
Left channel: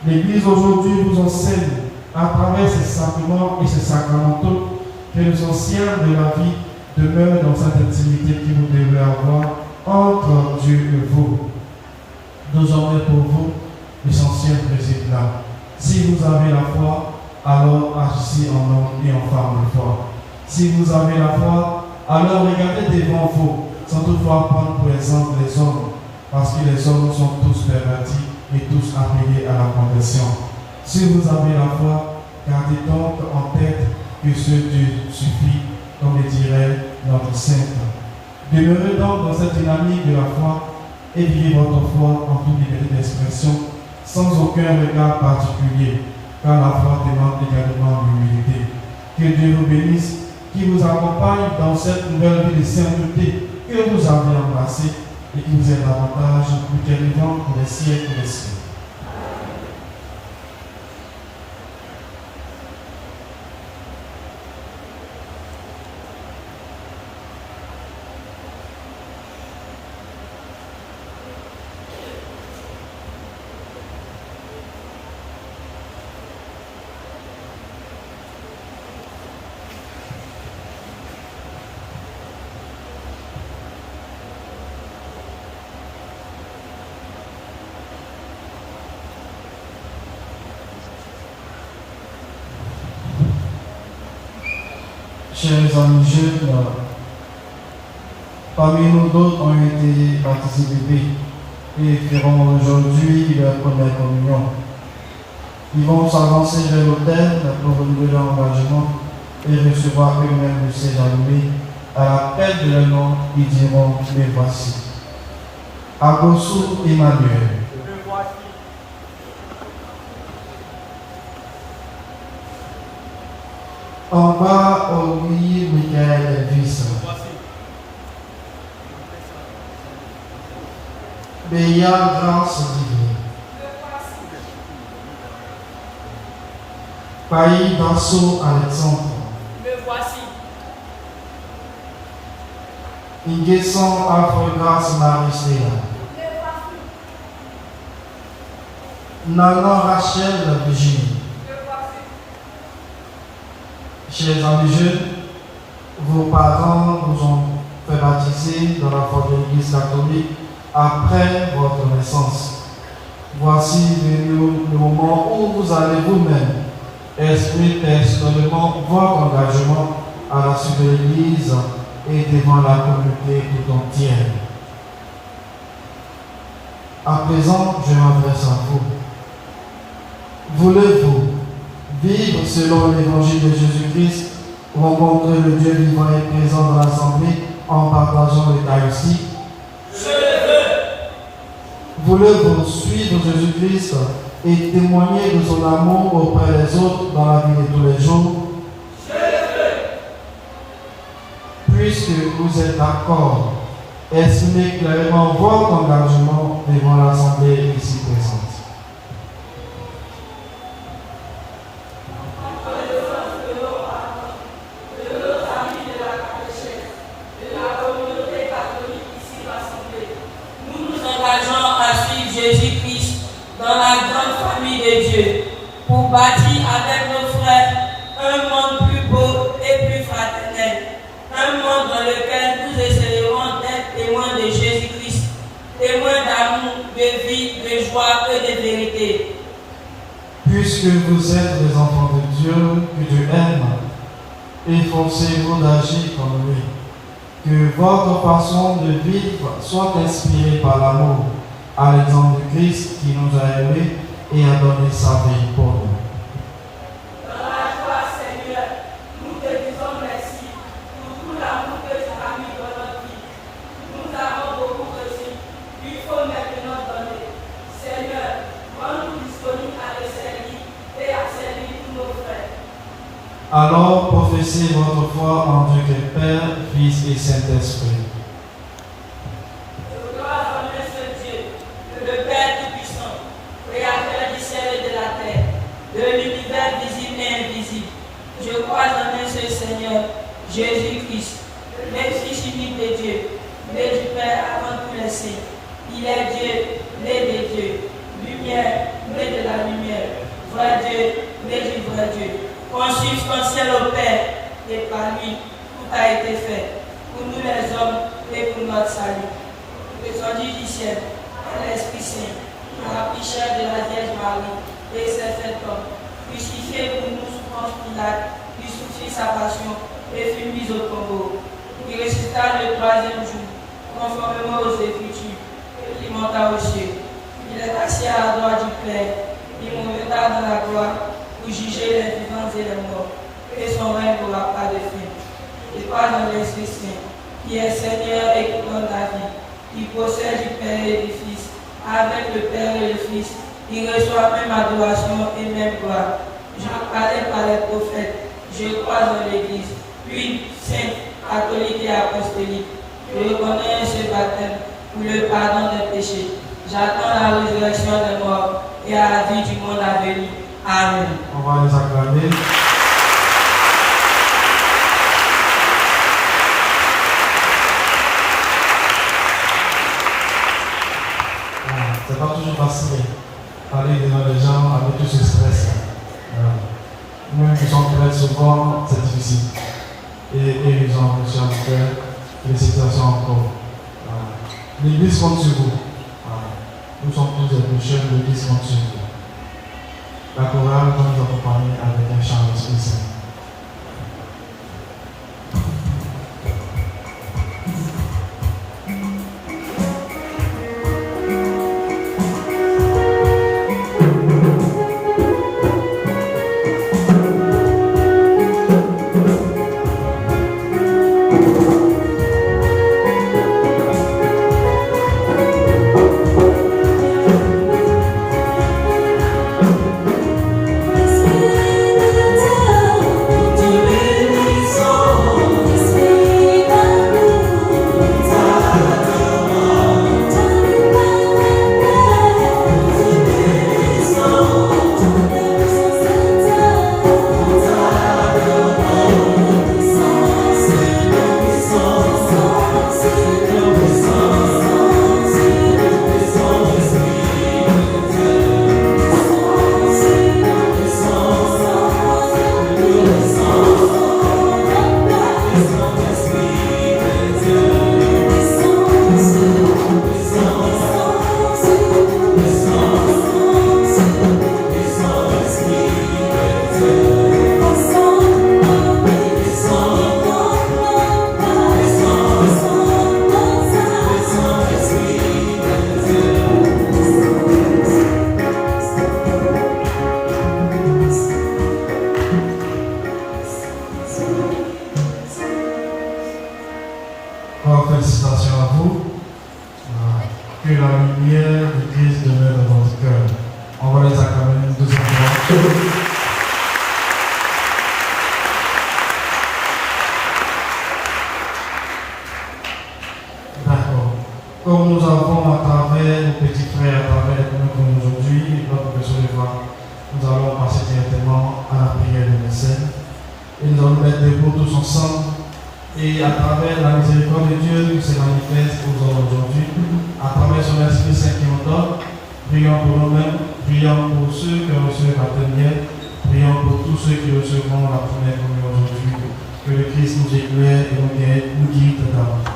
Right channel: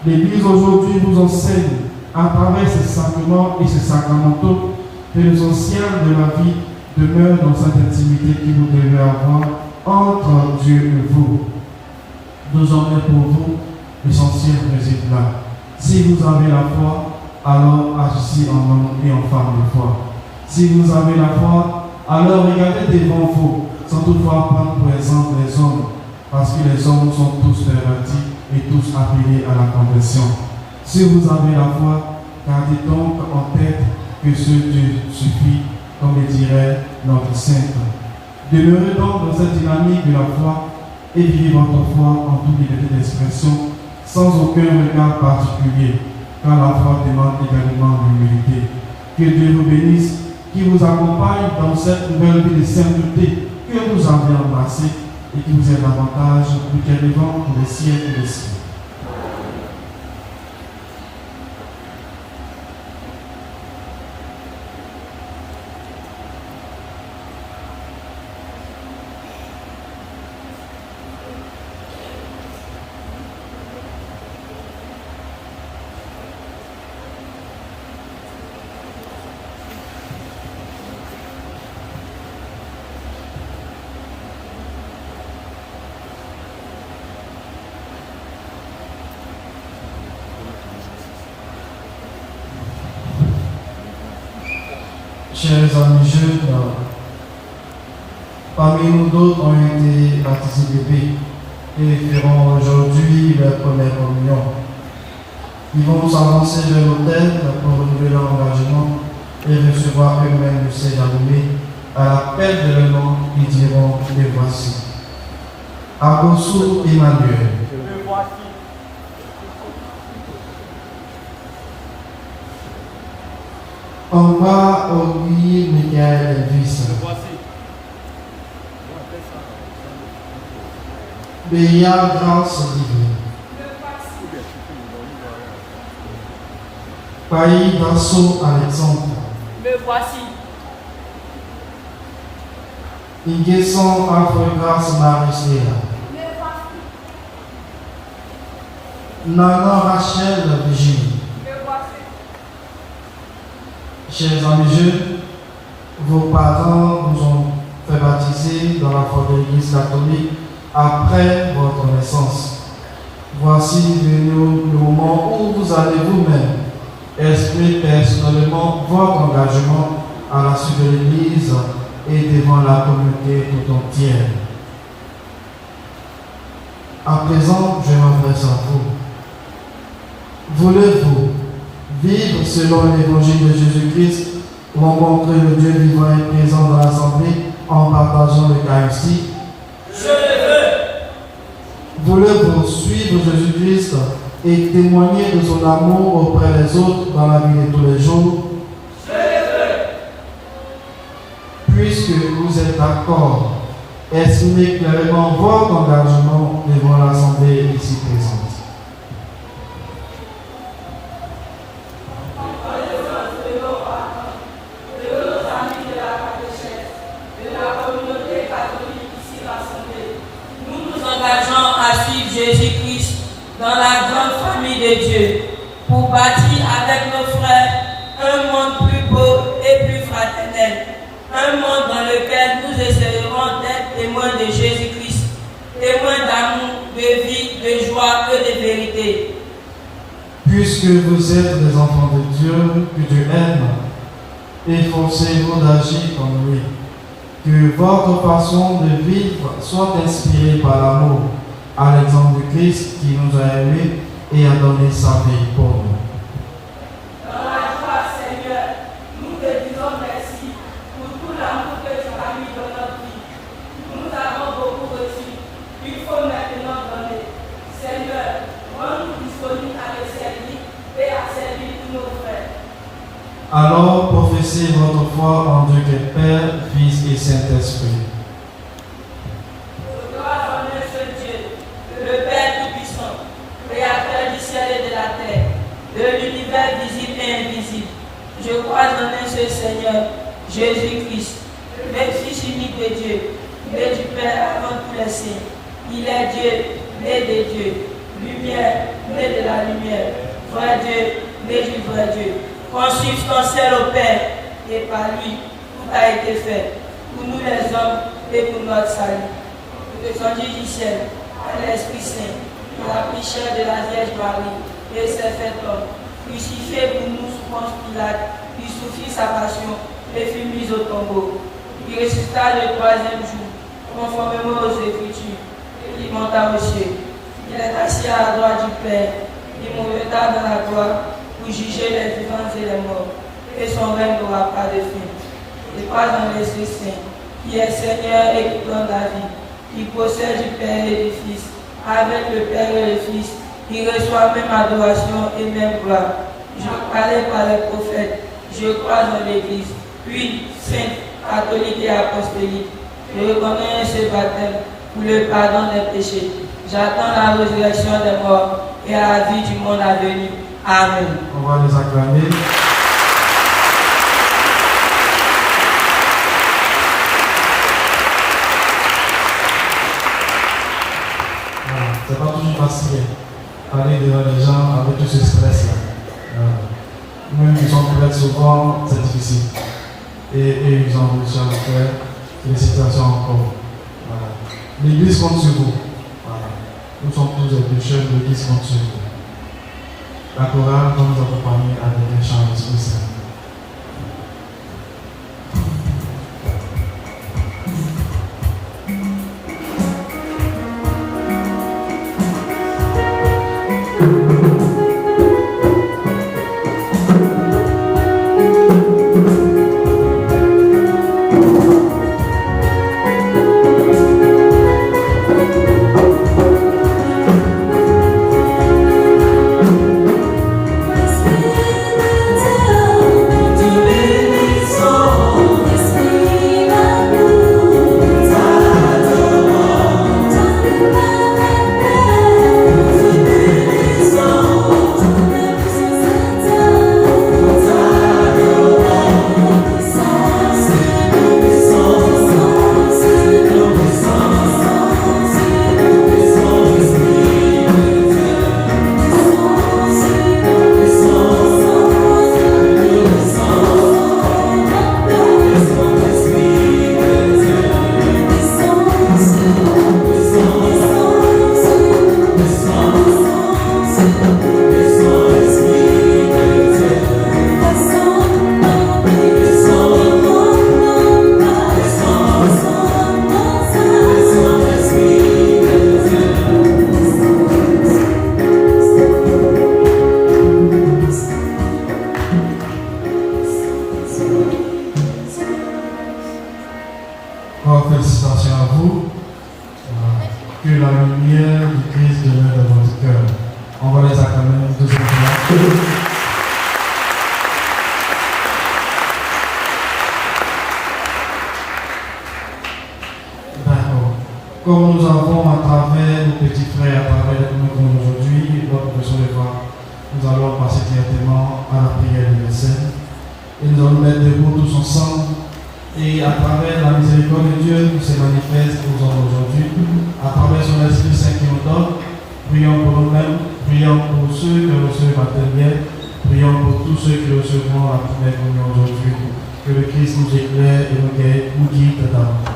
L'Église aujourd'hui vous enseigne, à travers ces sacrements et ces sacramentaux, que les anciens de la vie demeurent dans cette intimité que vous devez avoir entre Dieu et vous. Désormais pour vous, l'essentiel réside là. Si vous avez la foi, alors agissez en homme et en femme de foi. Si vous avez la foi, alors regardez devant vous, sans toutefois prendre pour exemple les hommes, parce que les hommes sont tous pervertis et tous appelés à la conversion. Si vous avez la foi, gardez donc en tête que ce Dieu suffit, comme le dirait notre sainte. Demeurez donc dans cette dynamique de la foi et vivez votre foi en toute liberté d'expression, sans aucun regard particulier, car la foi demande également l'humilité. Que Dieu vous bénisse, qui vous accompagne dans cette nouvelle vie de sainteté que vous avez embrassée et qui vous aide davantage pour qu'elle vivant pour les siècles des siècles. Chers amis jeunes, parmi nous d'autres, ont été baptisés bébés et feront aujourd'hui leur première communion. Ils vont s'avancer vers l'autel pour renouveler leur engagement et recevoir eux-mêmes le Saint-Germain. À l'appel de leur nom, ils diront: les voici. Abosu Emmanuel. En bas, Louis Michael Elvis. Béa Grâce Olivier. Paï Brasso Alexandre. Me voici. Inguesson Alfred Grâce Marie-Sléa. Nana Rachel Virginie. Chers amis jeunes, vos parents nous ont fait baptiser dans la foi de l'Église catholique après votre naissance. Voici le moment où vous allez vous-même exprimer personnellement votre engagement à la suite de l'Église et devant la communauté tout entière. À présent, je m'adresse à vous. Voulez-vous vivre selon l'évangile de Jésus-Christ, rencontrer le Dieu vivant et présent dans l'Assemblée en partageant l'Eucharistie? Je le veux. Voulez-vous suivre Jésus-Christ et témoigner de son amour auprès des autres dans la vie de tous les jours? Je le veux. Puisque vous êtes d'accord, exprimez clairement votre engagement devant l'Assemblée ici présente. Jésus-Christ dans la grande famille de Dieu pour bâtir avec nos frères un monde plus beau et plus fraternel, un monde dans lequel nous essaierons d'être témoins de Jésus-Christ, témoins d'amour, de vie, de joie et de vérité. Puisque vous êtes des enfants de Dieu, que Dieu aime, efforcez-vous d'agir comme lui, que votre façon de vivre soit inspirée par l'amour, à l'exemple du Christ qui nous a aimés et a donné sa vie pour nous. Dans la joie, Seigneur, nous te disons merci pour tout l'amour que tu as mis dans notre vie. Nous avons beaucoup reçu. Il faut maintenant donner. Seigneur, rends-nous disponibles à te servir et à servir tous nos frères. Alors professez votre foi en Dieu qui est Père, Fils et Saint-Esprit. De l'univers visible et invisible. Je crois en un seul Seigneur, Jésus-Christ, le Fils unique de Dieu, né du Père avant tous les saints. Il est Dieu, né de Dieu, lumière, né de la lumière, vrai Dieu, né du vrai Dieu, consubstantiel au Père, et par lui, tout a été fait, pour nous les hommes et pour notre salut. Que son Dieu du ciel, à l'Esprit Saint, à la prière de la Vierge Marie, et s'est fait homme, crucifié pour nous sous Ponce Pilate, puis souffrit sa passion et fut mis au tombeau. Il ressuscita le troisième jour, conformément aux Écritures, et il monta au ciel. Il est assis à la droite du Père, il mourra dans la gloire pour juger les vivants et les morts, et son règne n'aura pas de fin. Il passe dans l'Esprit Saint, qui est Seigneur et qui donne la vie, qui possède du Père et du Fils, avec le Père et le Fils. Il reçoit même adoration et même gloire. J'en parlais par les prophètes. Je crois dans l'Église, puis sainte, catholique et apostolique. Je reconnais ce baptême pour le pardon des péchés. J'attends la résurrection des morts et à la vie du monde à venir. Amen. On va les acclamer. C'est pas toujours facile. Aller devant les gens avec tout ce stress-là. Nous qui sommes prêts souvent, c'est difficile. Et ils ont reçu en cœur. Félicitations encore. L'Église compte sur vous. Nous sommes tous des pécheurs, l'Église compte sur vous. La chorale nous accompagne avec un chant spécial. Que la lumière du Christ demeure dans votre cœur. On va les acclamer une deuxième fois. D'accord. Comme nous avons à travers nos petits frères, à travers les premiers comme aujourd'hui, notre professeur de voix, nous allons passer directement à la prière universelle. Et nous allons mettre debout tous ensemble. Et à travers la miséricorde de Dieu qui se manifeste aux hommes aujourd'hui, à travers son Esprit Saint qui nous donne, prions pour nous-mêmes, prions pour ceux qui reçoivent la première, prions pour tous ceux qui recevront la première communion aujourd'hui. Que le Christ nous éclaire et nous guide davantage.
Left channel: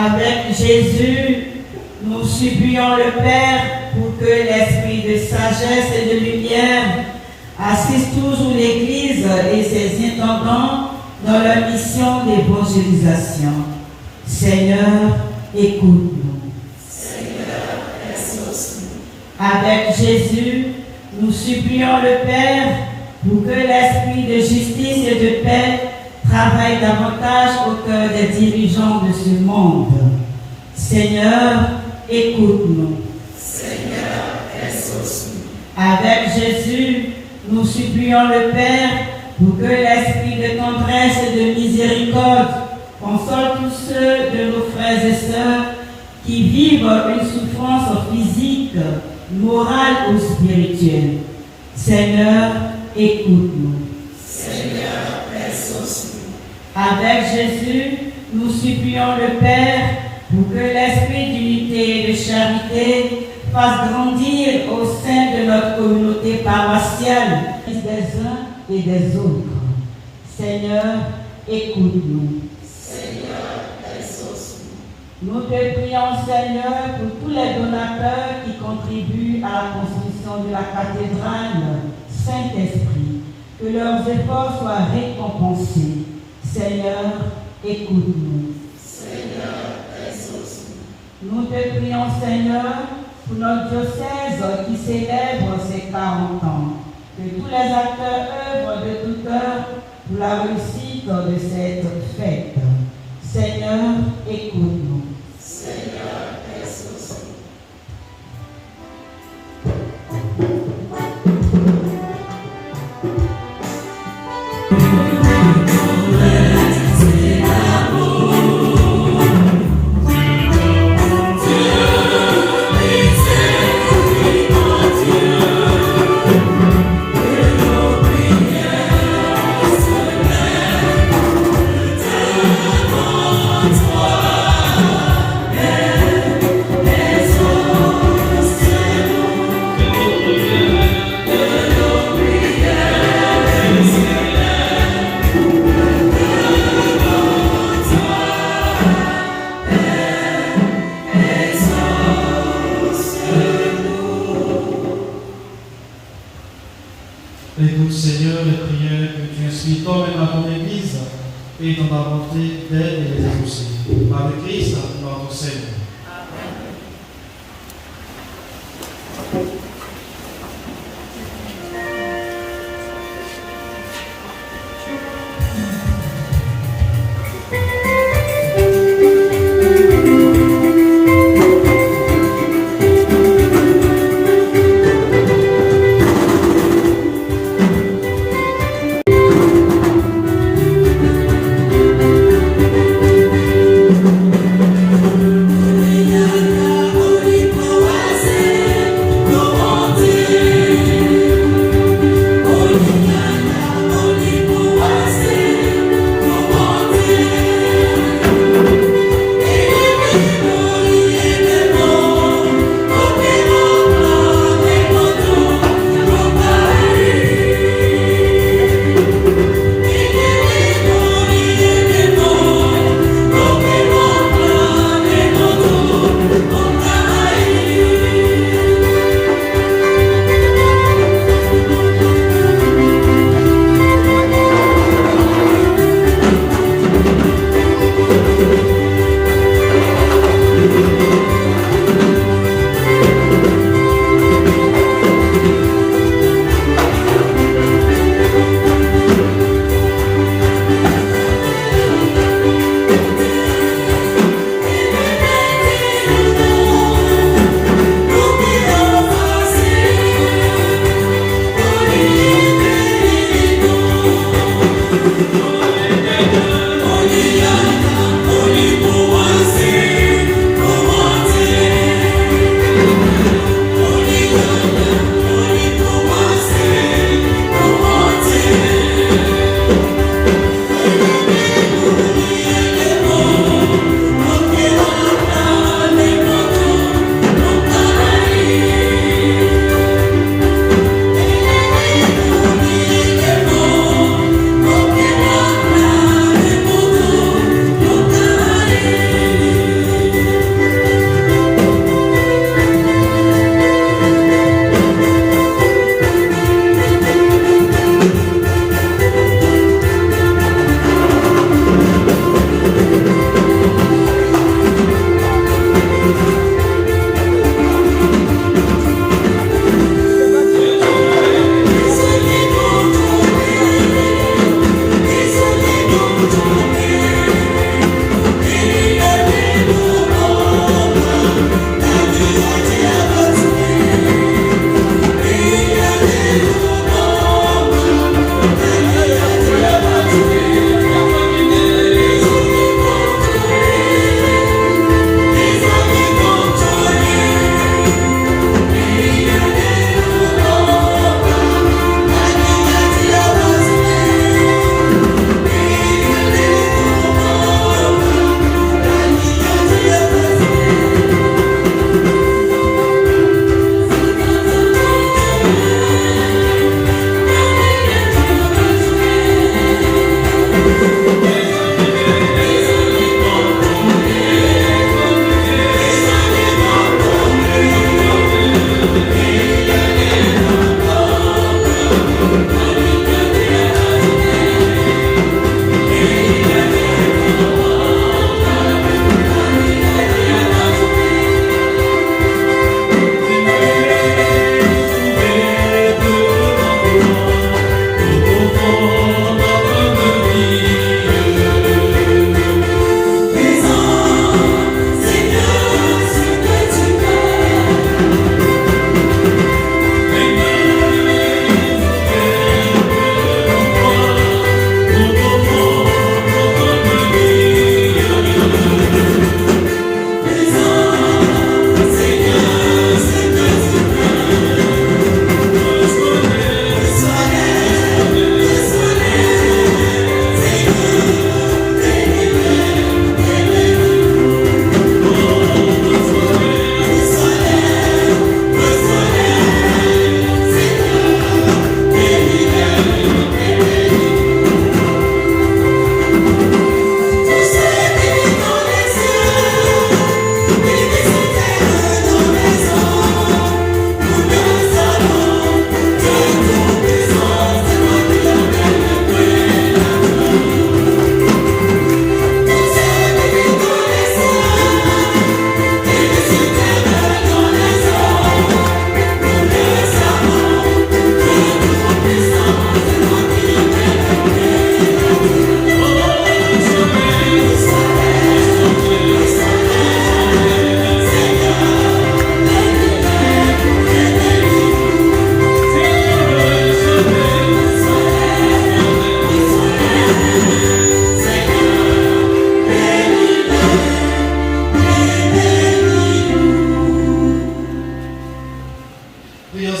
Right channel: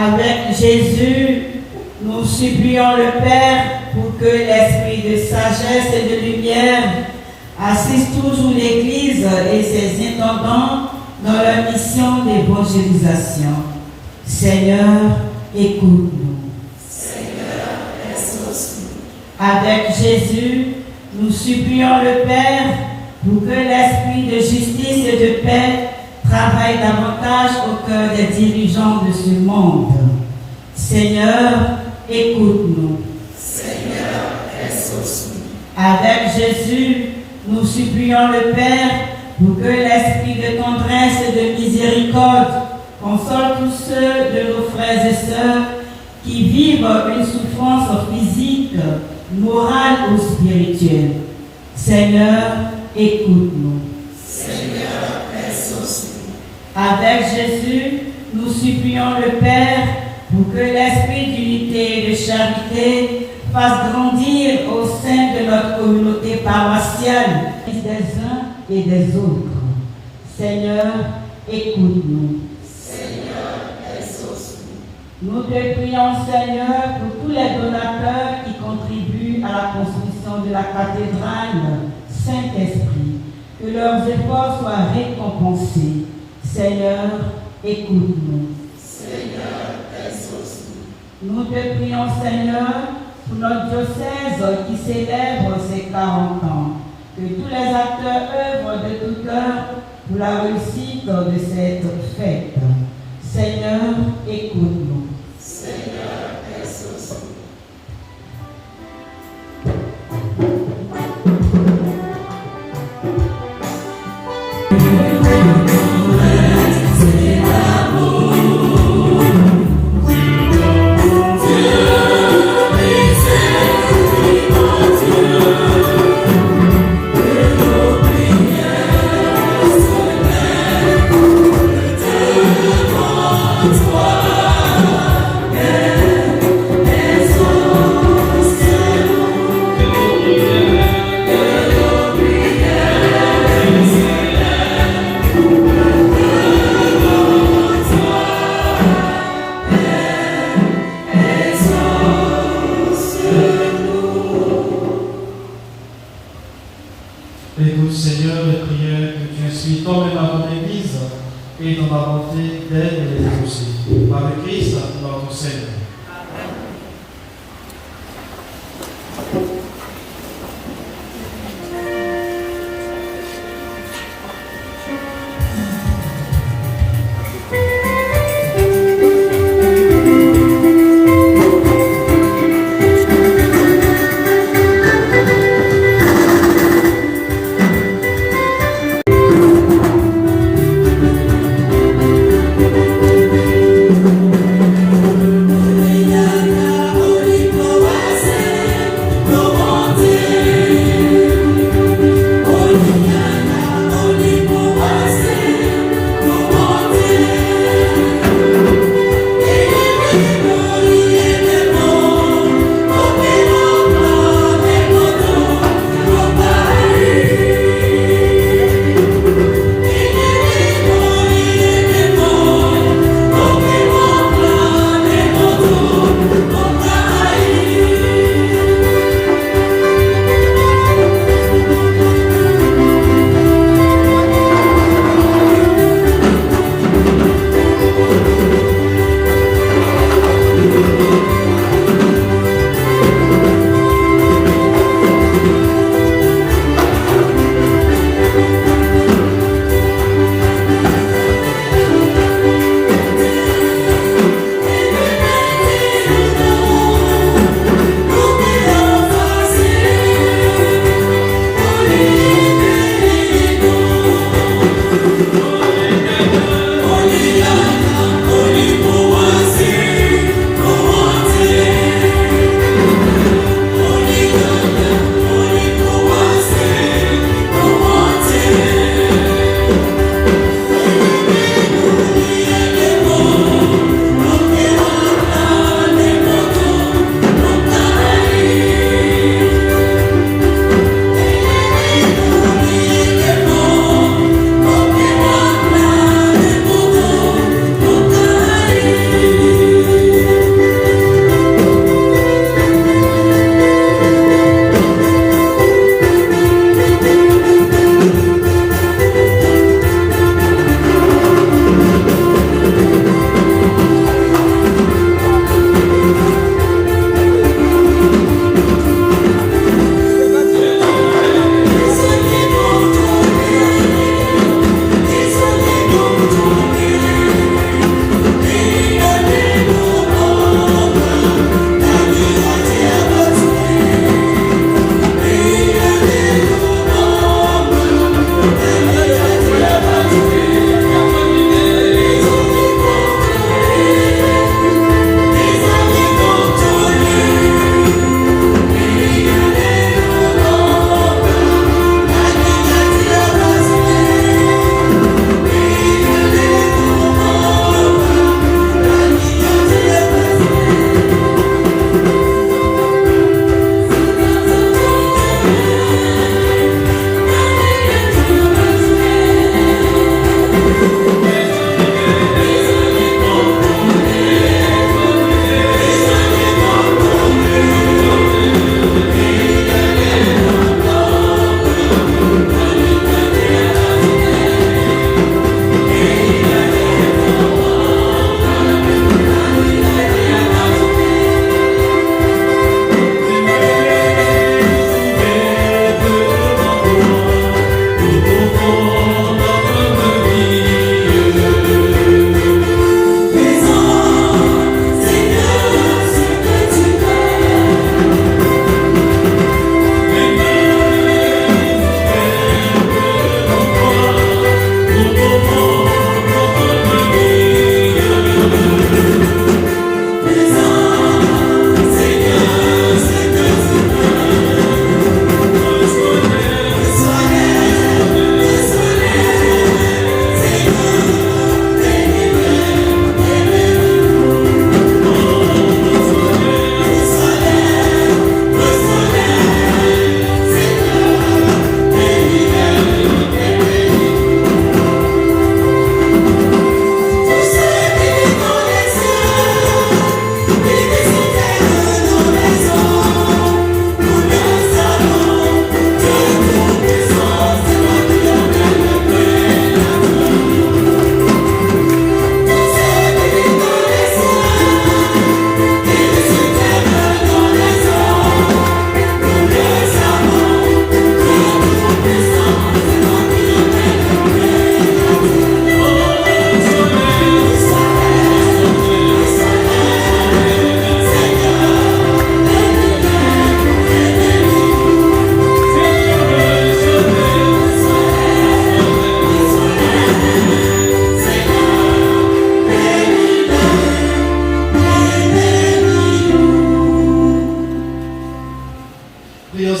Avec Jésus, nous supplions le Père pour que l'esprit de sagesse et de lumière assiste toujours l'Église et ses intendants dans leur mission d'évangélisation. Seigneur, écoute-nous. Seigneur, exauce-nous. Avec Jésus, nous supplions le Père pour que l'esprit de justice et de paix travaille davantage au cœur des dirigeants de ce monde. Seigneur, écoute-nous. Seigneur, exauce-nous. Avec Jésus, nous supplions le Père pour que l'esprit de tendresse et de miséricorde console tous ceux de nos frères et sœurs qui vivent une souffrance physique, morale ou spirituelle. Seigneur, écoute-nous. Seigneur, exauce-nous. Avec Jésus, nous supplions le Père pour que l'esprit d'unité et de charité fasse grandir au sein de notre communauté paroissiale des uns et des autres. Seigneur, écoute-nous. Seigneur, exauce-nous. Nous te prions, Seigneur, pour tous les donateurs qui contribuent à la construction de la cathédrale Saint-Esprit, que leurs efforts soient récompensés. Seigneur, écoute-nous. Seigneur, exauce-nous. Nous te prions, Seigneur, pour notre diocèse qui célèbre ses 40 ans, que tous les acteurs œuvrent de tout cœur pour la réussite de cette fête. Seigneur, écoute-nous. Seigneur, exauce-nous. Écoute, Seigneur, les prières que tu inspires toi-même à ton Église et dans la volonté d'aide et les aussi. Par le Christ, notre Seigneur.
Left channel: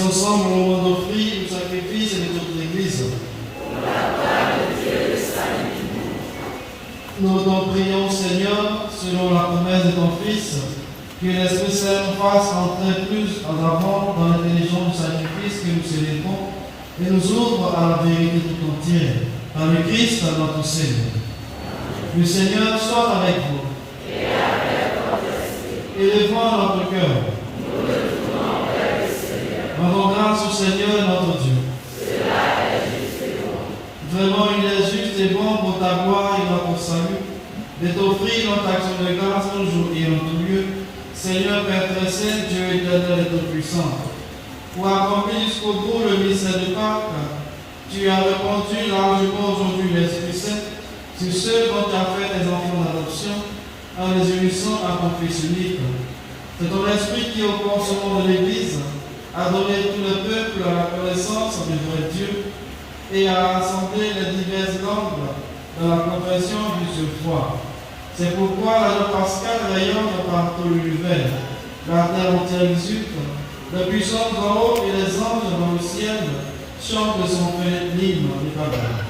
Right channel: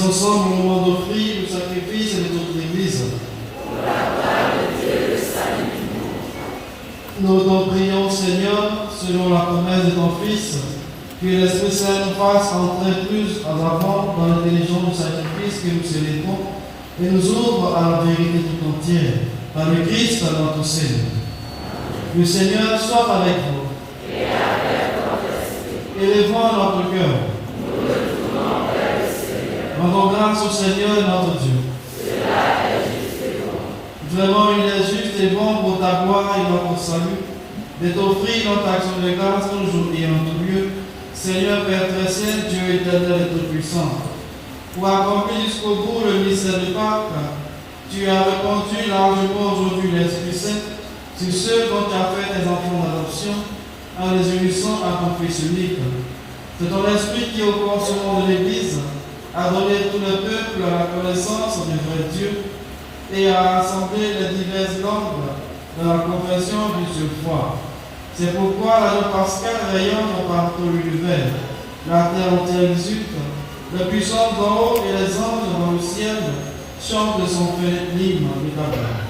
ensemble au moment d'offrir le sacrifice de toute l'Église. Nous t'en prions, Seigneur, selon la promesse de ton Fils, que l'Esprit Saint nous fasse entrer plus en avant dans l'intelligence du sacrifice que nous célébrons et nous ouvre à la vérité tout entière, par le Christ, notre Seigneur. Le Seigneur soit avec vous. Élevons notre cœur. Rendons grâce au Seigneur notre Dieu. Vraiment, il est juste et bon pour ta gloire et notre salut, de t'offrir notre action de grâce toujours et en tout lieu, Seigneur Père très saint, Dieu éternel et tout-puissant. Pour accomplir jusqu'au bout le ministère de Pâques, tu as répandu largement aujourd'hui l'Esprit Saint sur ceux dont tu as fait tes enfants d'adoption, en les unissant à ton Fils unique. C'est ton Esprit qui, au commencement de l'Église, a donné tout le peuple à la connaissance du vrai Dieu et a rassemblé les diverses langues de la confession du seul foi. C'est pourquoi la joie pascale rayonne partout l'univers. La terre entière exulte, les puissances d'en haut et les anges dans le ciel chantent de son fait l'hymne de ta gloire.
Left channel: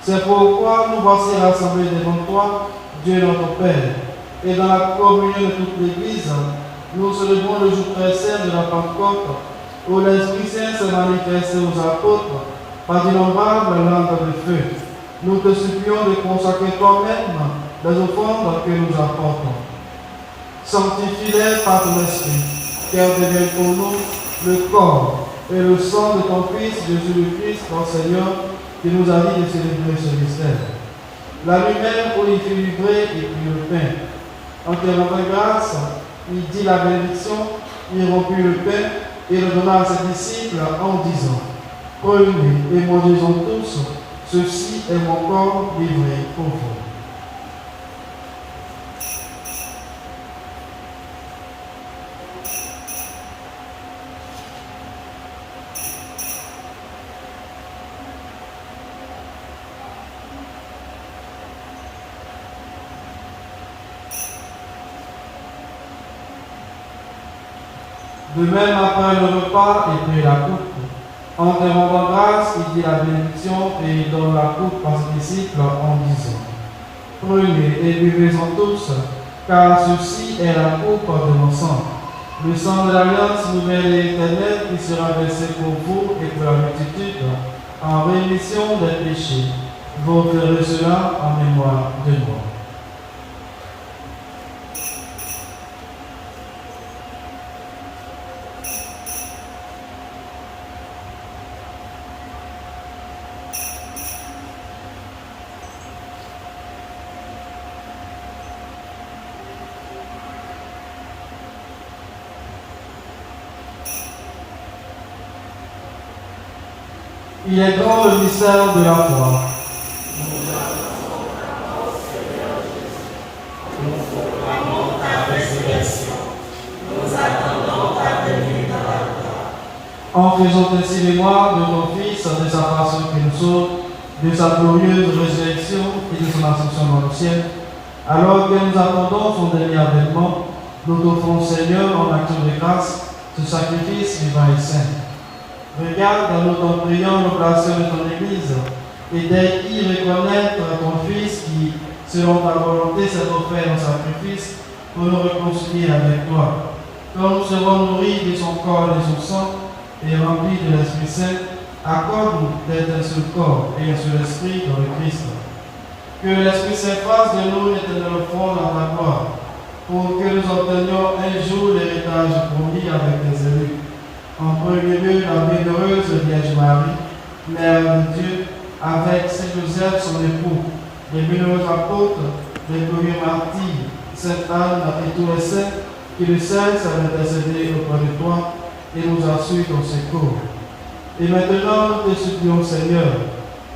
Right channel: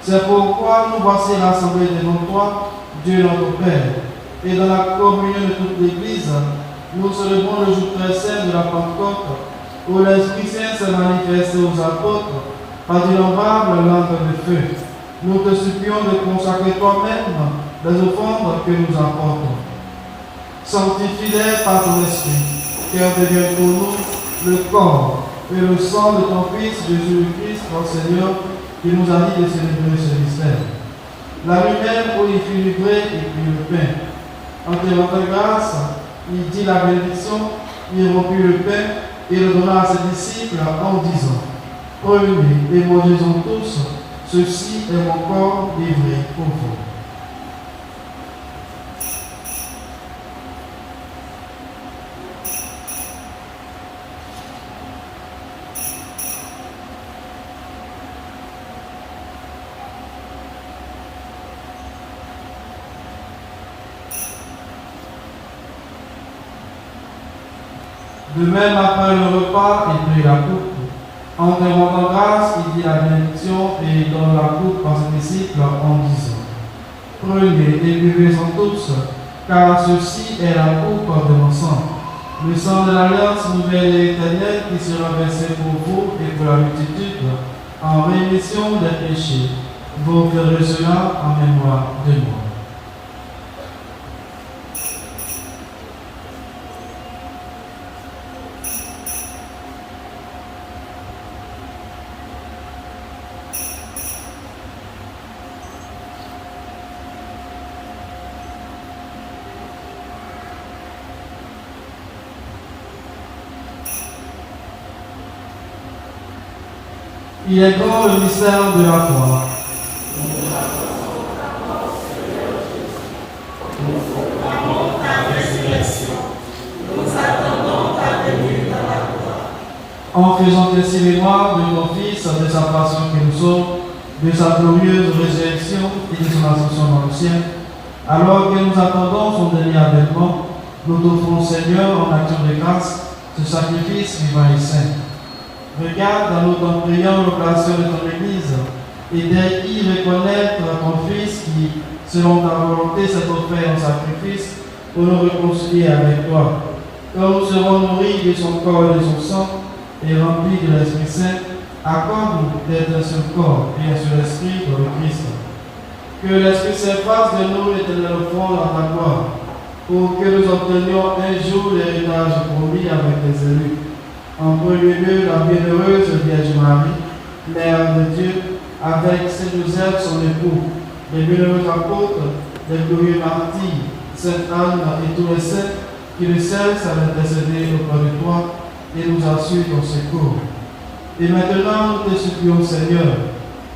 C'est pourquoi nous voici rassemblés devant toi, Dieu notre Père, et dans la communion de toute l'Église, nous célébrons le jour très saint de la Pentecôte, où l'Esprit Saint s'est manifesté aux apôtres par d'innombrables lampes de feu. Nous te supplions de consacrer toi-même les offrandes que nous apportons. Sanctifie-les par ton Esprit, car devienne pour nous le corps et le sang de ton Fils Jésus-Christ, notre Seigneur, qui nous a dit de célébrer ce mystère. La lumière pour y livrer et puis le pain. En te rendant grâce, il dit la bénédiction, il rompit le pain et le donna à ses disciples en disant: prenez et mangez-en tous, ceci est mon corps livré pour vous. De même, après le repas, il prit la coupe. En te rendant grâce, il dit la bénédiction et il donne la coupe à ses disciples en disant: prenez et buvez-en tous, car ceci est la coupe de mon sang, le sang de l'alliance nouvelle et éternelle qui qui sera versé pour vous et pour la multitude en rémission des péchés. Vous ferez cela en mémoire de moi. Il est grand le mystère de la foi. En faisant ainsi mémoire de nos fils, de sa passion qui nous sauve, de sa glorieuse résurrection et de son ascension dans le ciel, alors que nous attendons son dernier avènement, nous t'offrons, Seigneur, en action de grâce, ce sacrifice vivant et saint. Regarde dans notre priant l'oblation de ton Église, et dès qu'il reconnaître ton Fils qui, selon ta volonté, s'est offert en sacrifice pour nous réconcilier avec toi. Quand nous serons nourris de son corps et de son sang, et remplis de l'Esprit Saint, accorde-nous d'être un seul corps et un seul esprit dans le Christ. Que l'Esprit Saint fasse de nous l'éternel fond dans ta gloire, pour que nous obtenions un jour l'héritage promis avec les élus. En premier lieu, la bienheureuse Vierge Marie, Mère de Dieu, avec Saint Joseph, son époux, les bienheureux apôtres, les glorieux martyrs, Sainte Anne et tous les saints qui ne cessent à intercéder auprès de toi et nous assurent ton secours. Et maintenant, nous te supplions, Seigneur,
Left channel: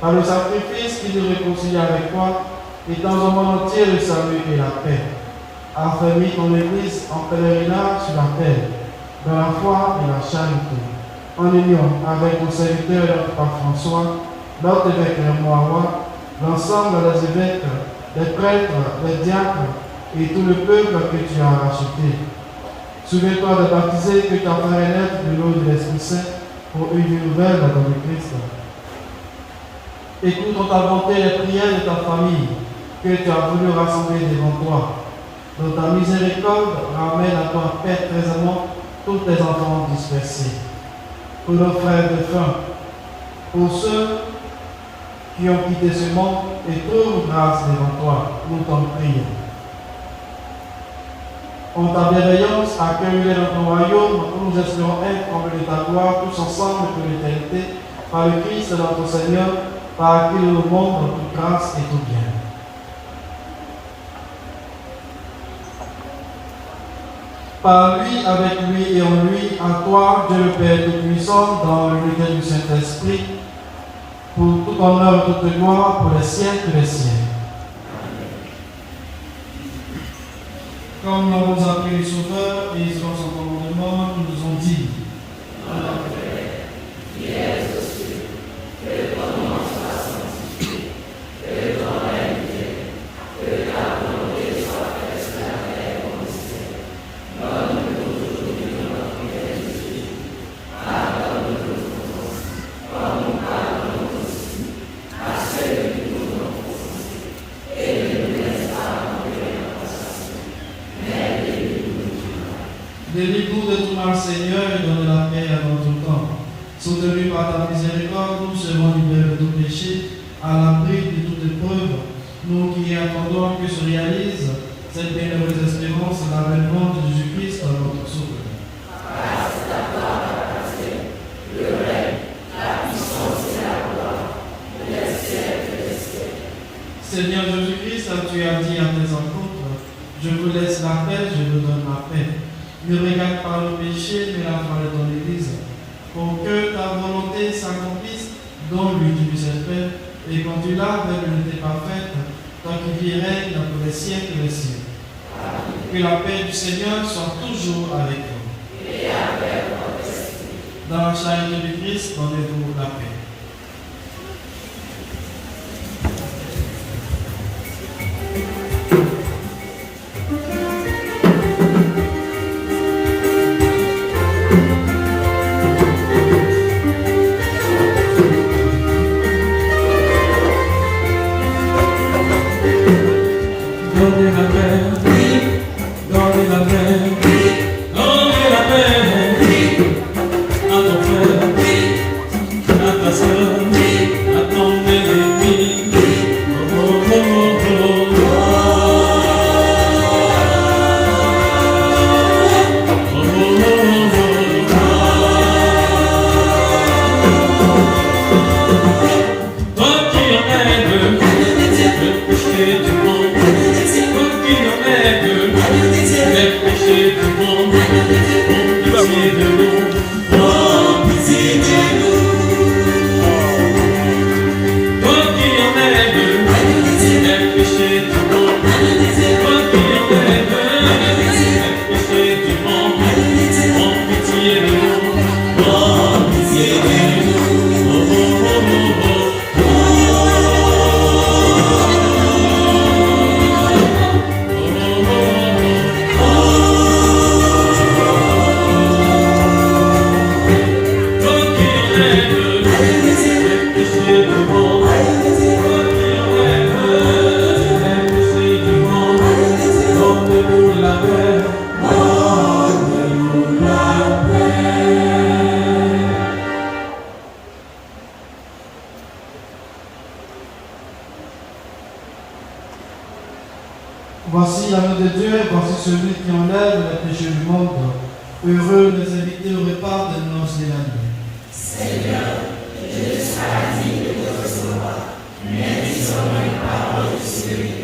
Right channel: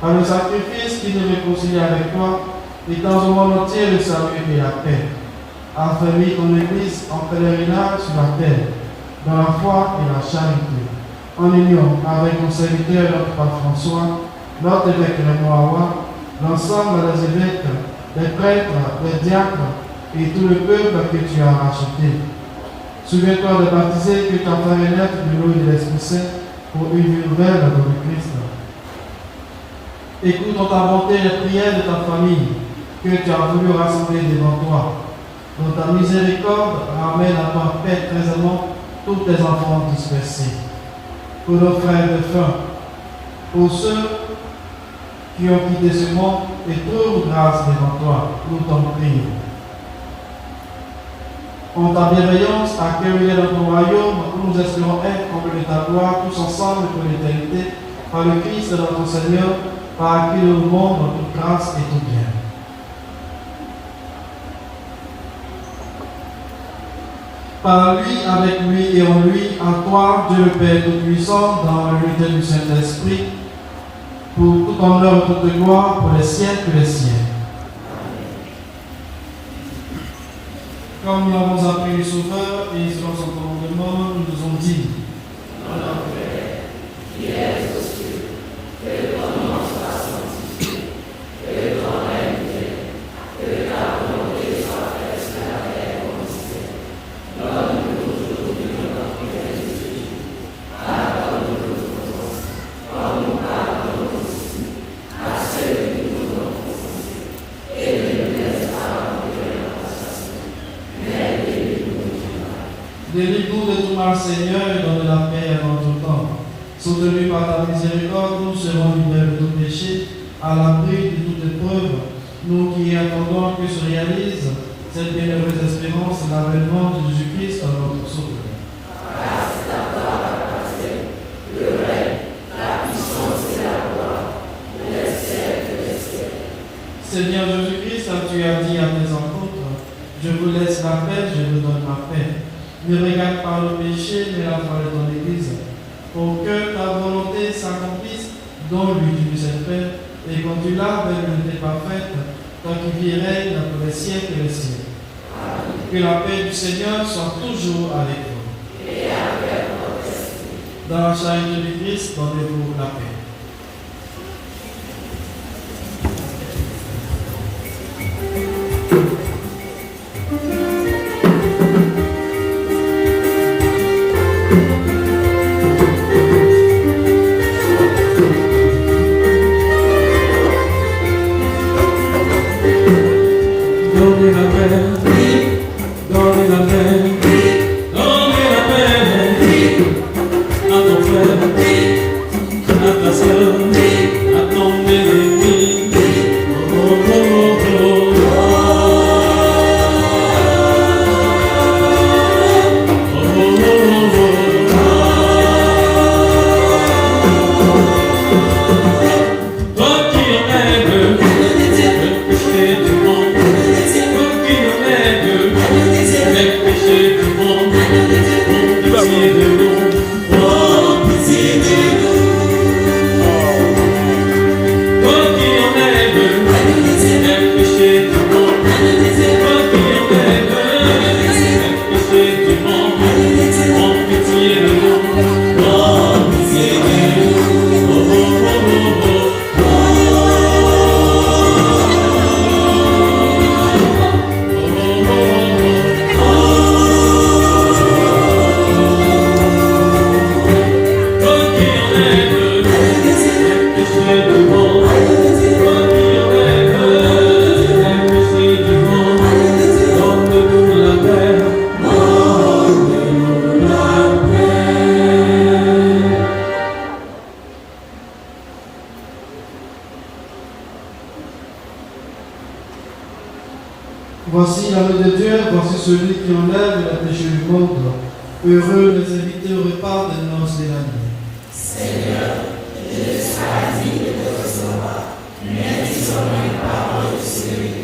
par le sacrifice qui nous réconcilie avec toi, étends au monde entier le salut et la paix. Affermis ton Église en pèlerinage sur la terre, dans la foi et la charité, en union avec ton serviteur, notre Pape François, notre évêque Raymond Awa, l'ensemble des évêques, les prêtres, les diacres et tout le peuple que tu as racheté. Souviens-toi de baptiser que ta foi est naître de l'eau et de l'Esprit Saint pour une vie nouvelle dans le Christ. Écoute en ta bonté les prières de ta famille que tu as voulu rassembler devant toi. Dans ta miséricorde, ramène à toi paix trésoreusement tous tes enfants dispersés. Pour nos frères de faim, pour ceux qui ont quitté ce monde et trouvent grâce devant toi, nous t'en prions. En ta bienveillance, accueille-les dans ton royaume, nous espérons être comblés de ta gloire, tous ensemble pour l'éternité, par le Christ notre Seigneur, par qui nous montre toute grâce et tout bien. Par lui, avec lui et en lui, à toi, Dieu le Père Tout-Puissant, dans l'unité du Saint-Esprit, pour tout honneur et toute gloire, pour les siècles des siècles. Comme nous avons appelé le Sauveur et selon son commandement, nous nous ont dit: Notre Père, qui es aux cieux, que ton nom soit sanctifié, que ton règne vienne, que ta volonté soit faite sur la terre comme au ciel. Donne-nous aujourd'hui notre pain quotidien. Pardonne-nous nos offenses, comme nous pardonnons aussi à ceux qui nous ont offensés. Et ne nous laisse pas entrer en tentation, mais délivre-nous du mal. Délivre-nous de tout mal, Seigneur, et donne la paix à notre temps. Soutenus par ta miséricorde, nous serons libérés de tout péché, à l'abri de toute épreuve, nous qui attendons que se réalise cette bienheureuse espérance de l'avènement de Jésus-Christ, notre Sauveur. Grâce à toi, la passion, le règne, la puissance et la gloire, pour les siècles des siècles. Seigneur Jésus-Christ, tu as dit à tes apôtres: je vous laisse la paix, je vous donne la paix. Ne regarde pas le péché, mais la foi de ton Église, pour que ta volonté s'accomplisse dans l'unité du Saint-Père, et quand tu l'as avec l'unité parfaite, toi qui vis et règnes dans tous les siècles et les siècles. Que la paix du Seigneur soit toujours avec vous. Et avec votre esprit. Dans la charité du Christ, donnez-vous la paix. Donnez la paix, donnez la paix, donnez la paix à nos Voici l'agneau de Dieu, voici celui qui enlève les péchés du monde. Heureux les invités au repas des noces de l'année. Seigneur, je ne suis pas digne de te recevoir, mais dis seulement une parole de sécurité.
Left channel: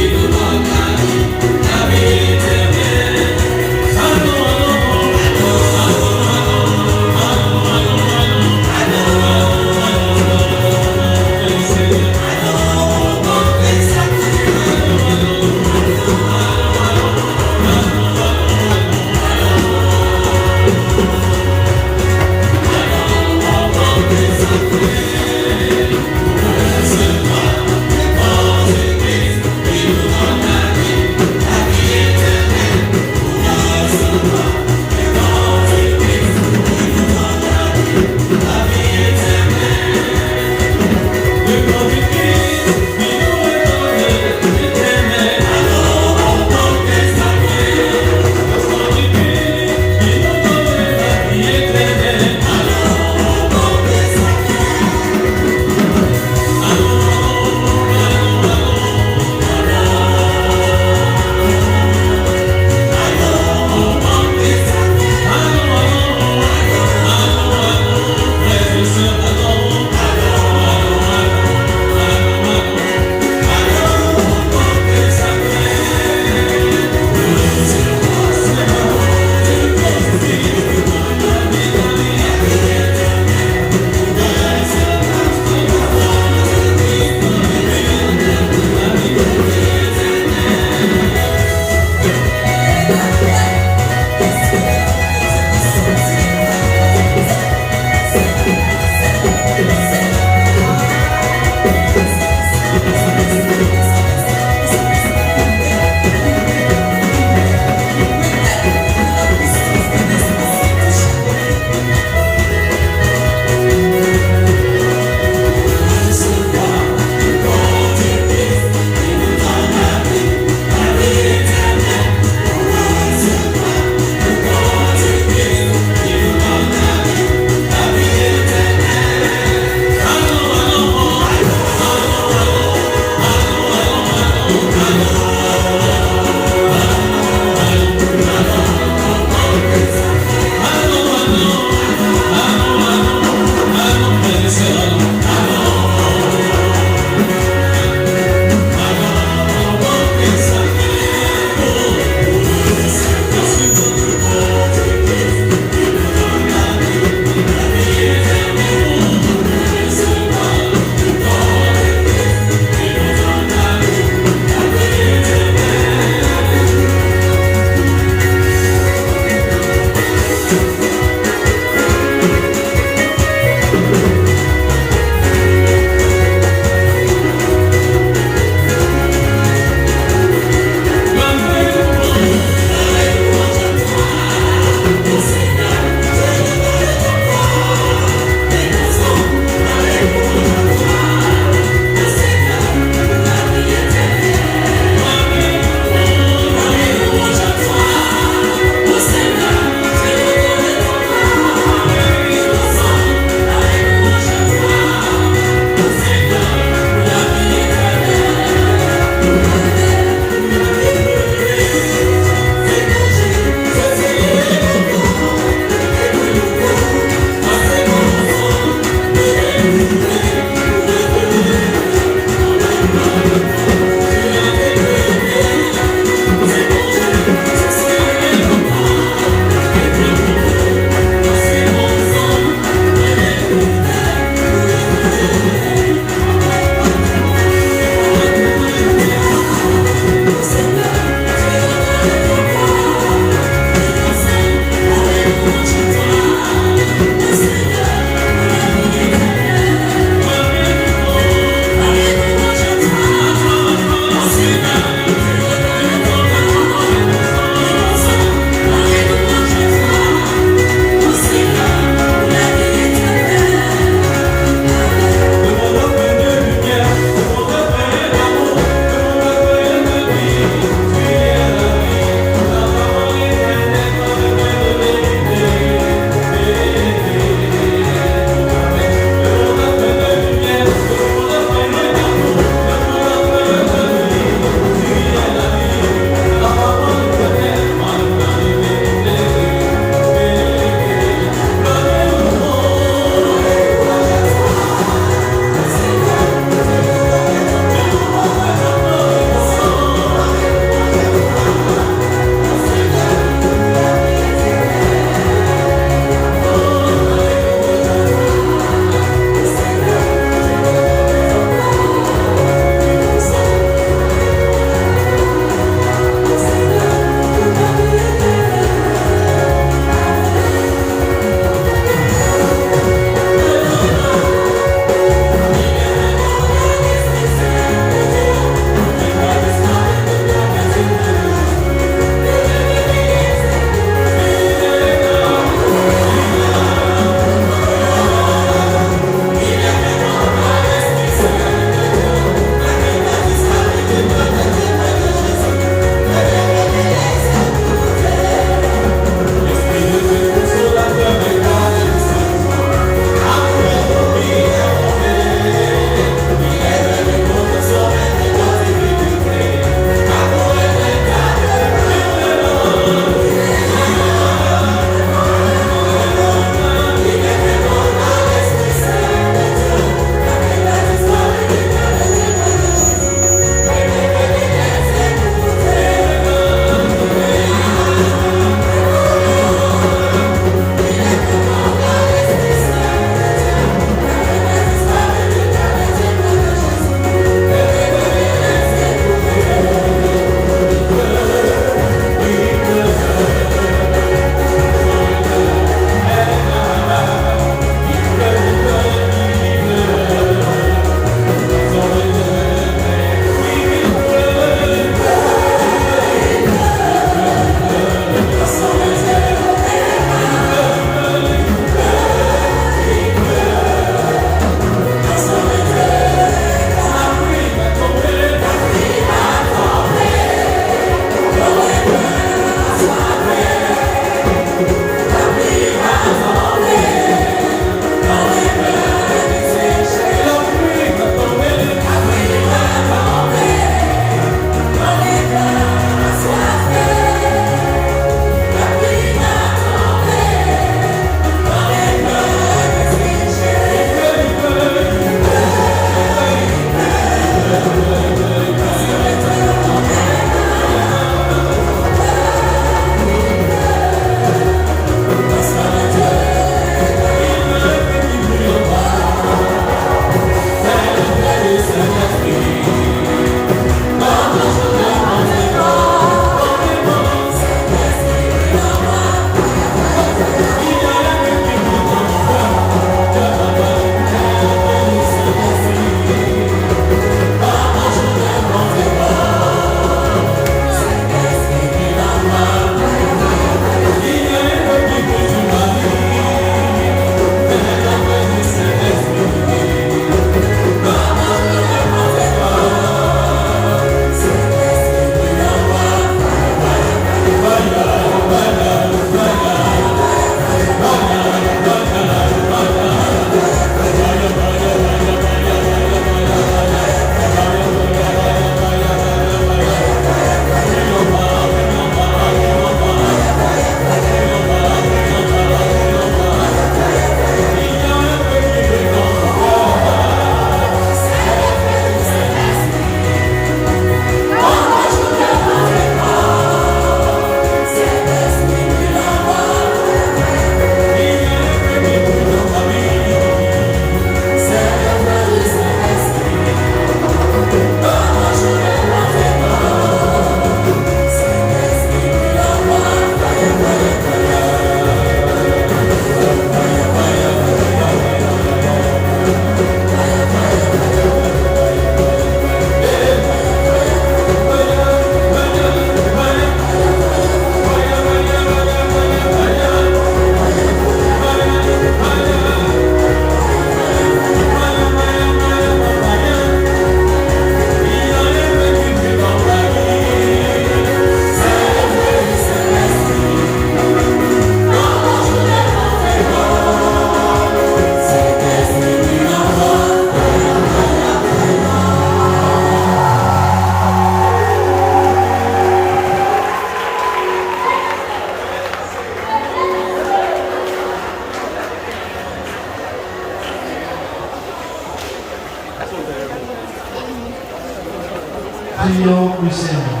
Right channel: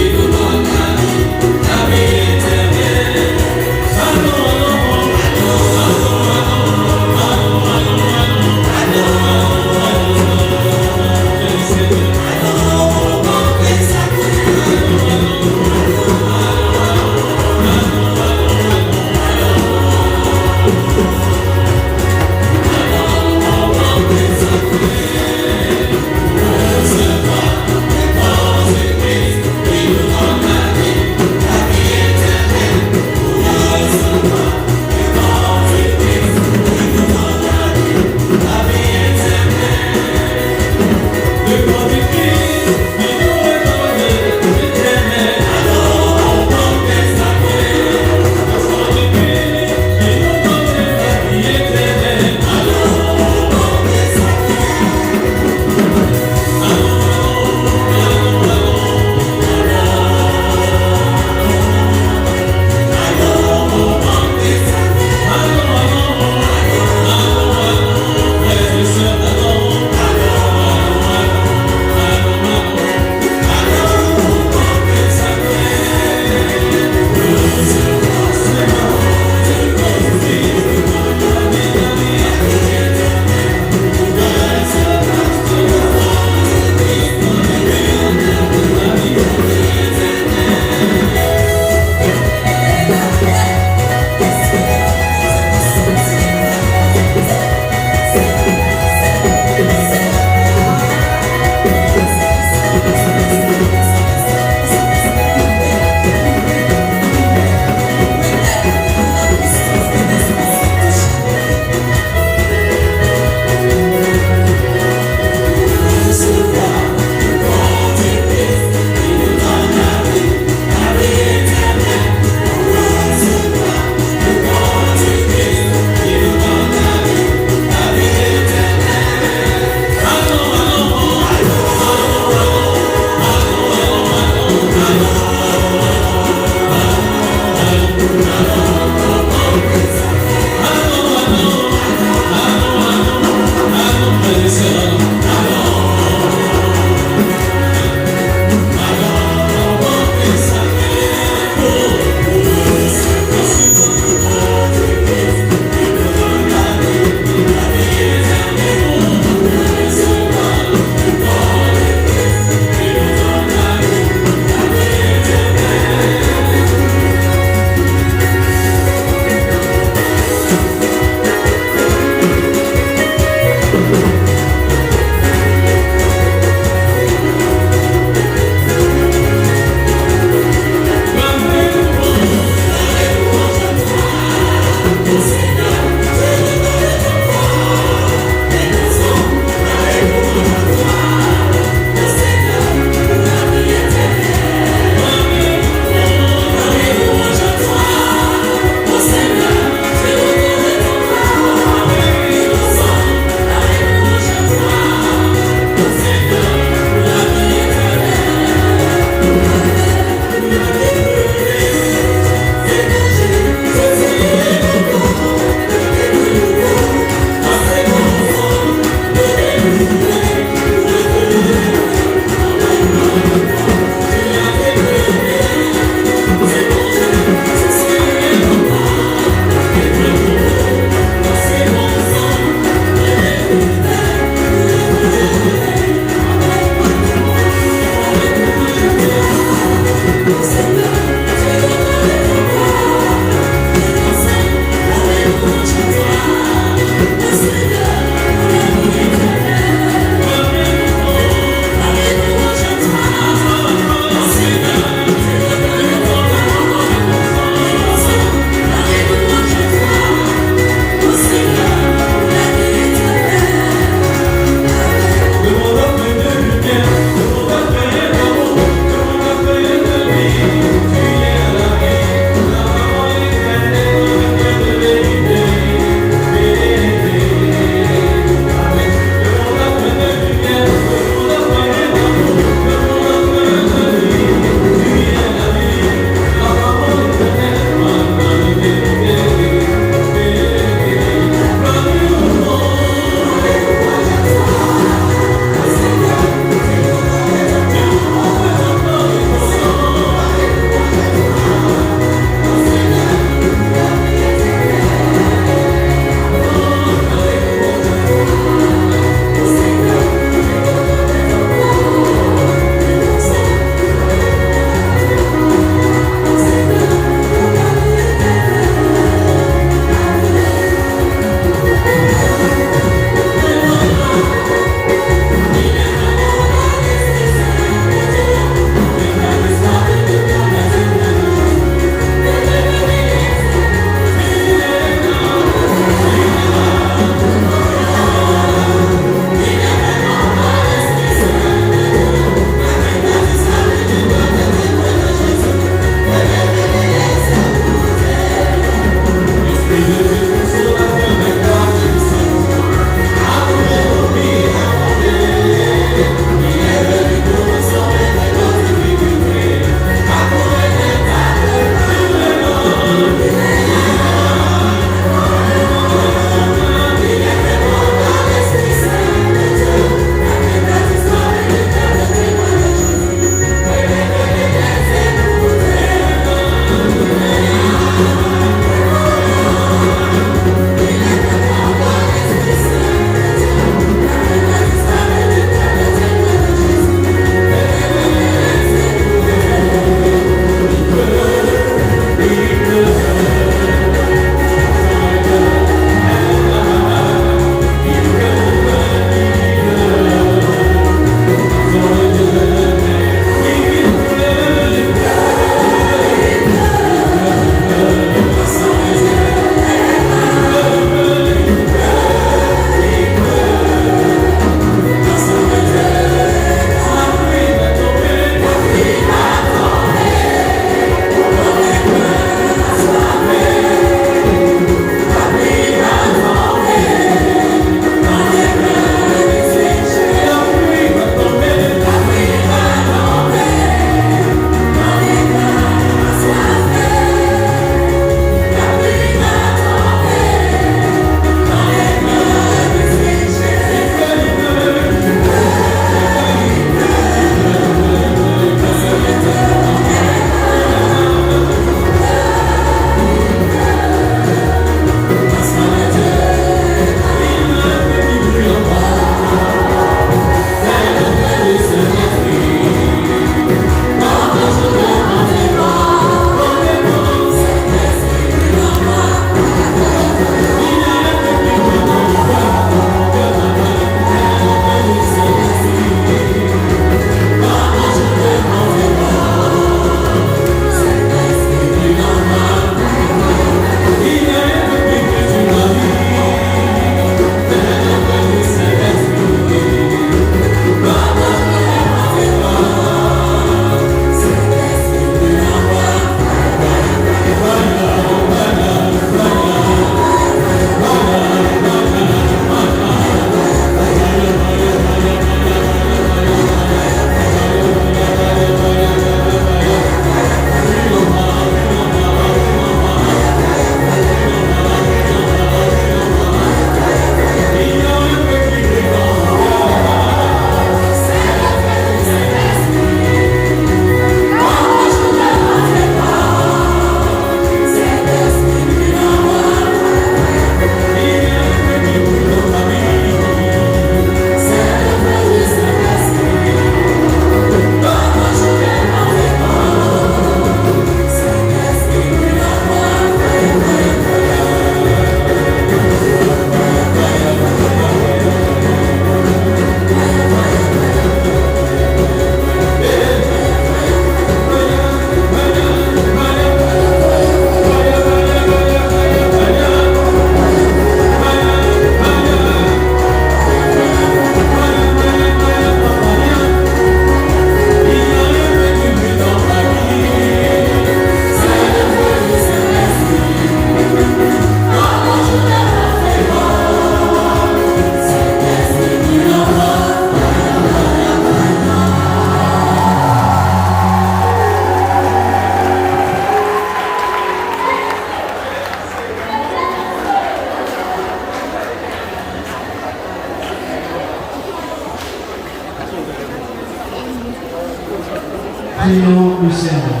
Prions le Seigneur.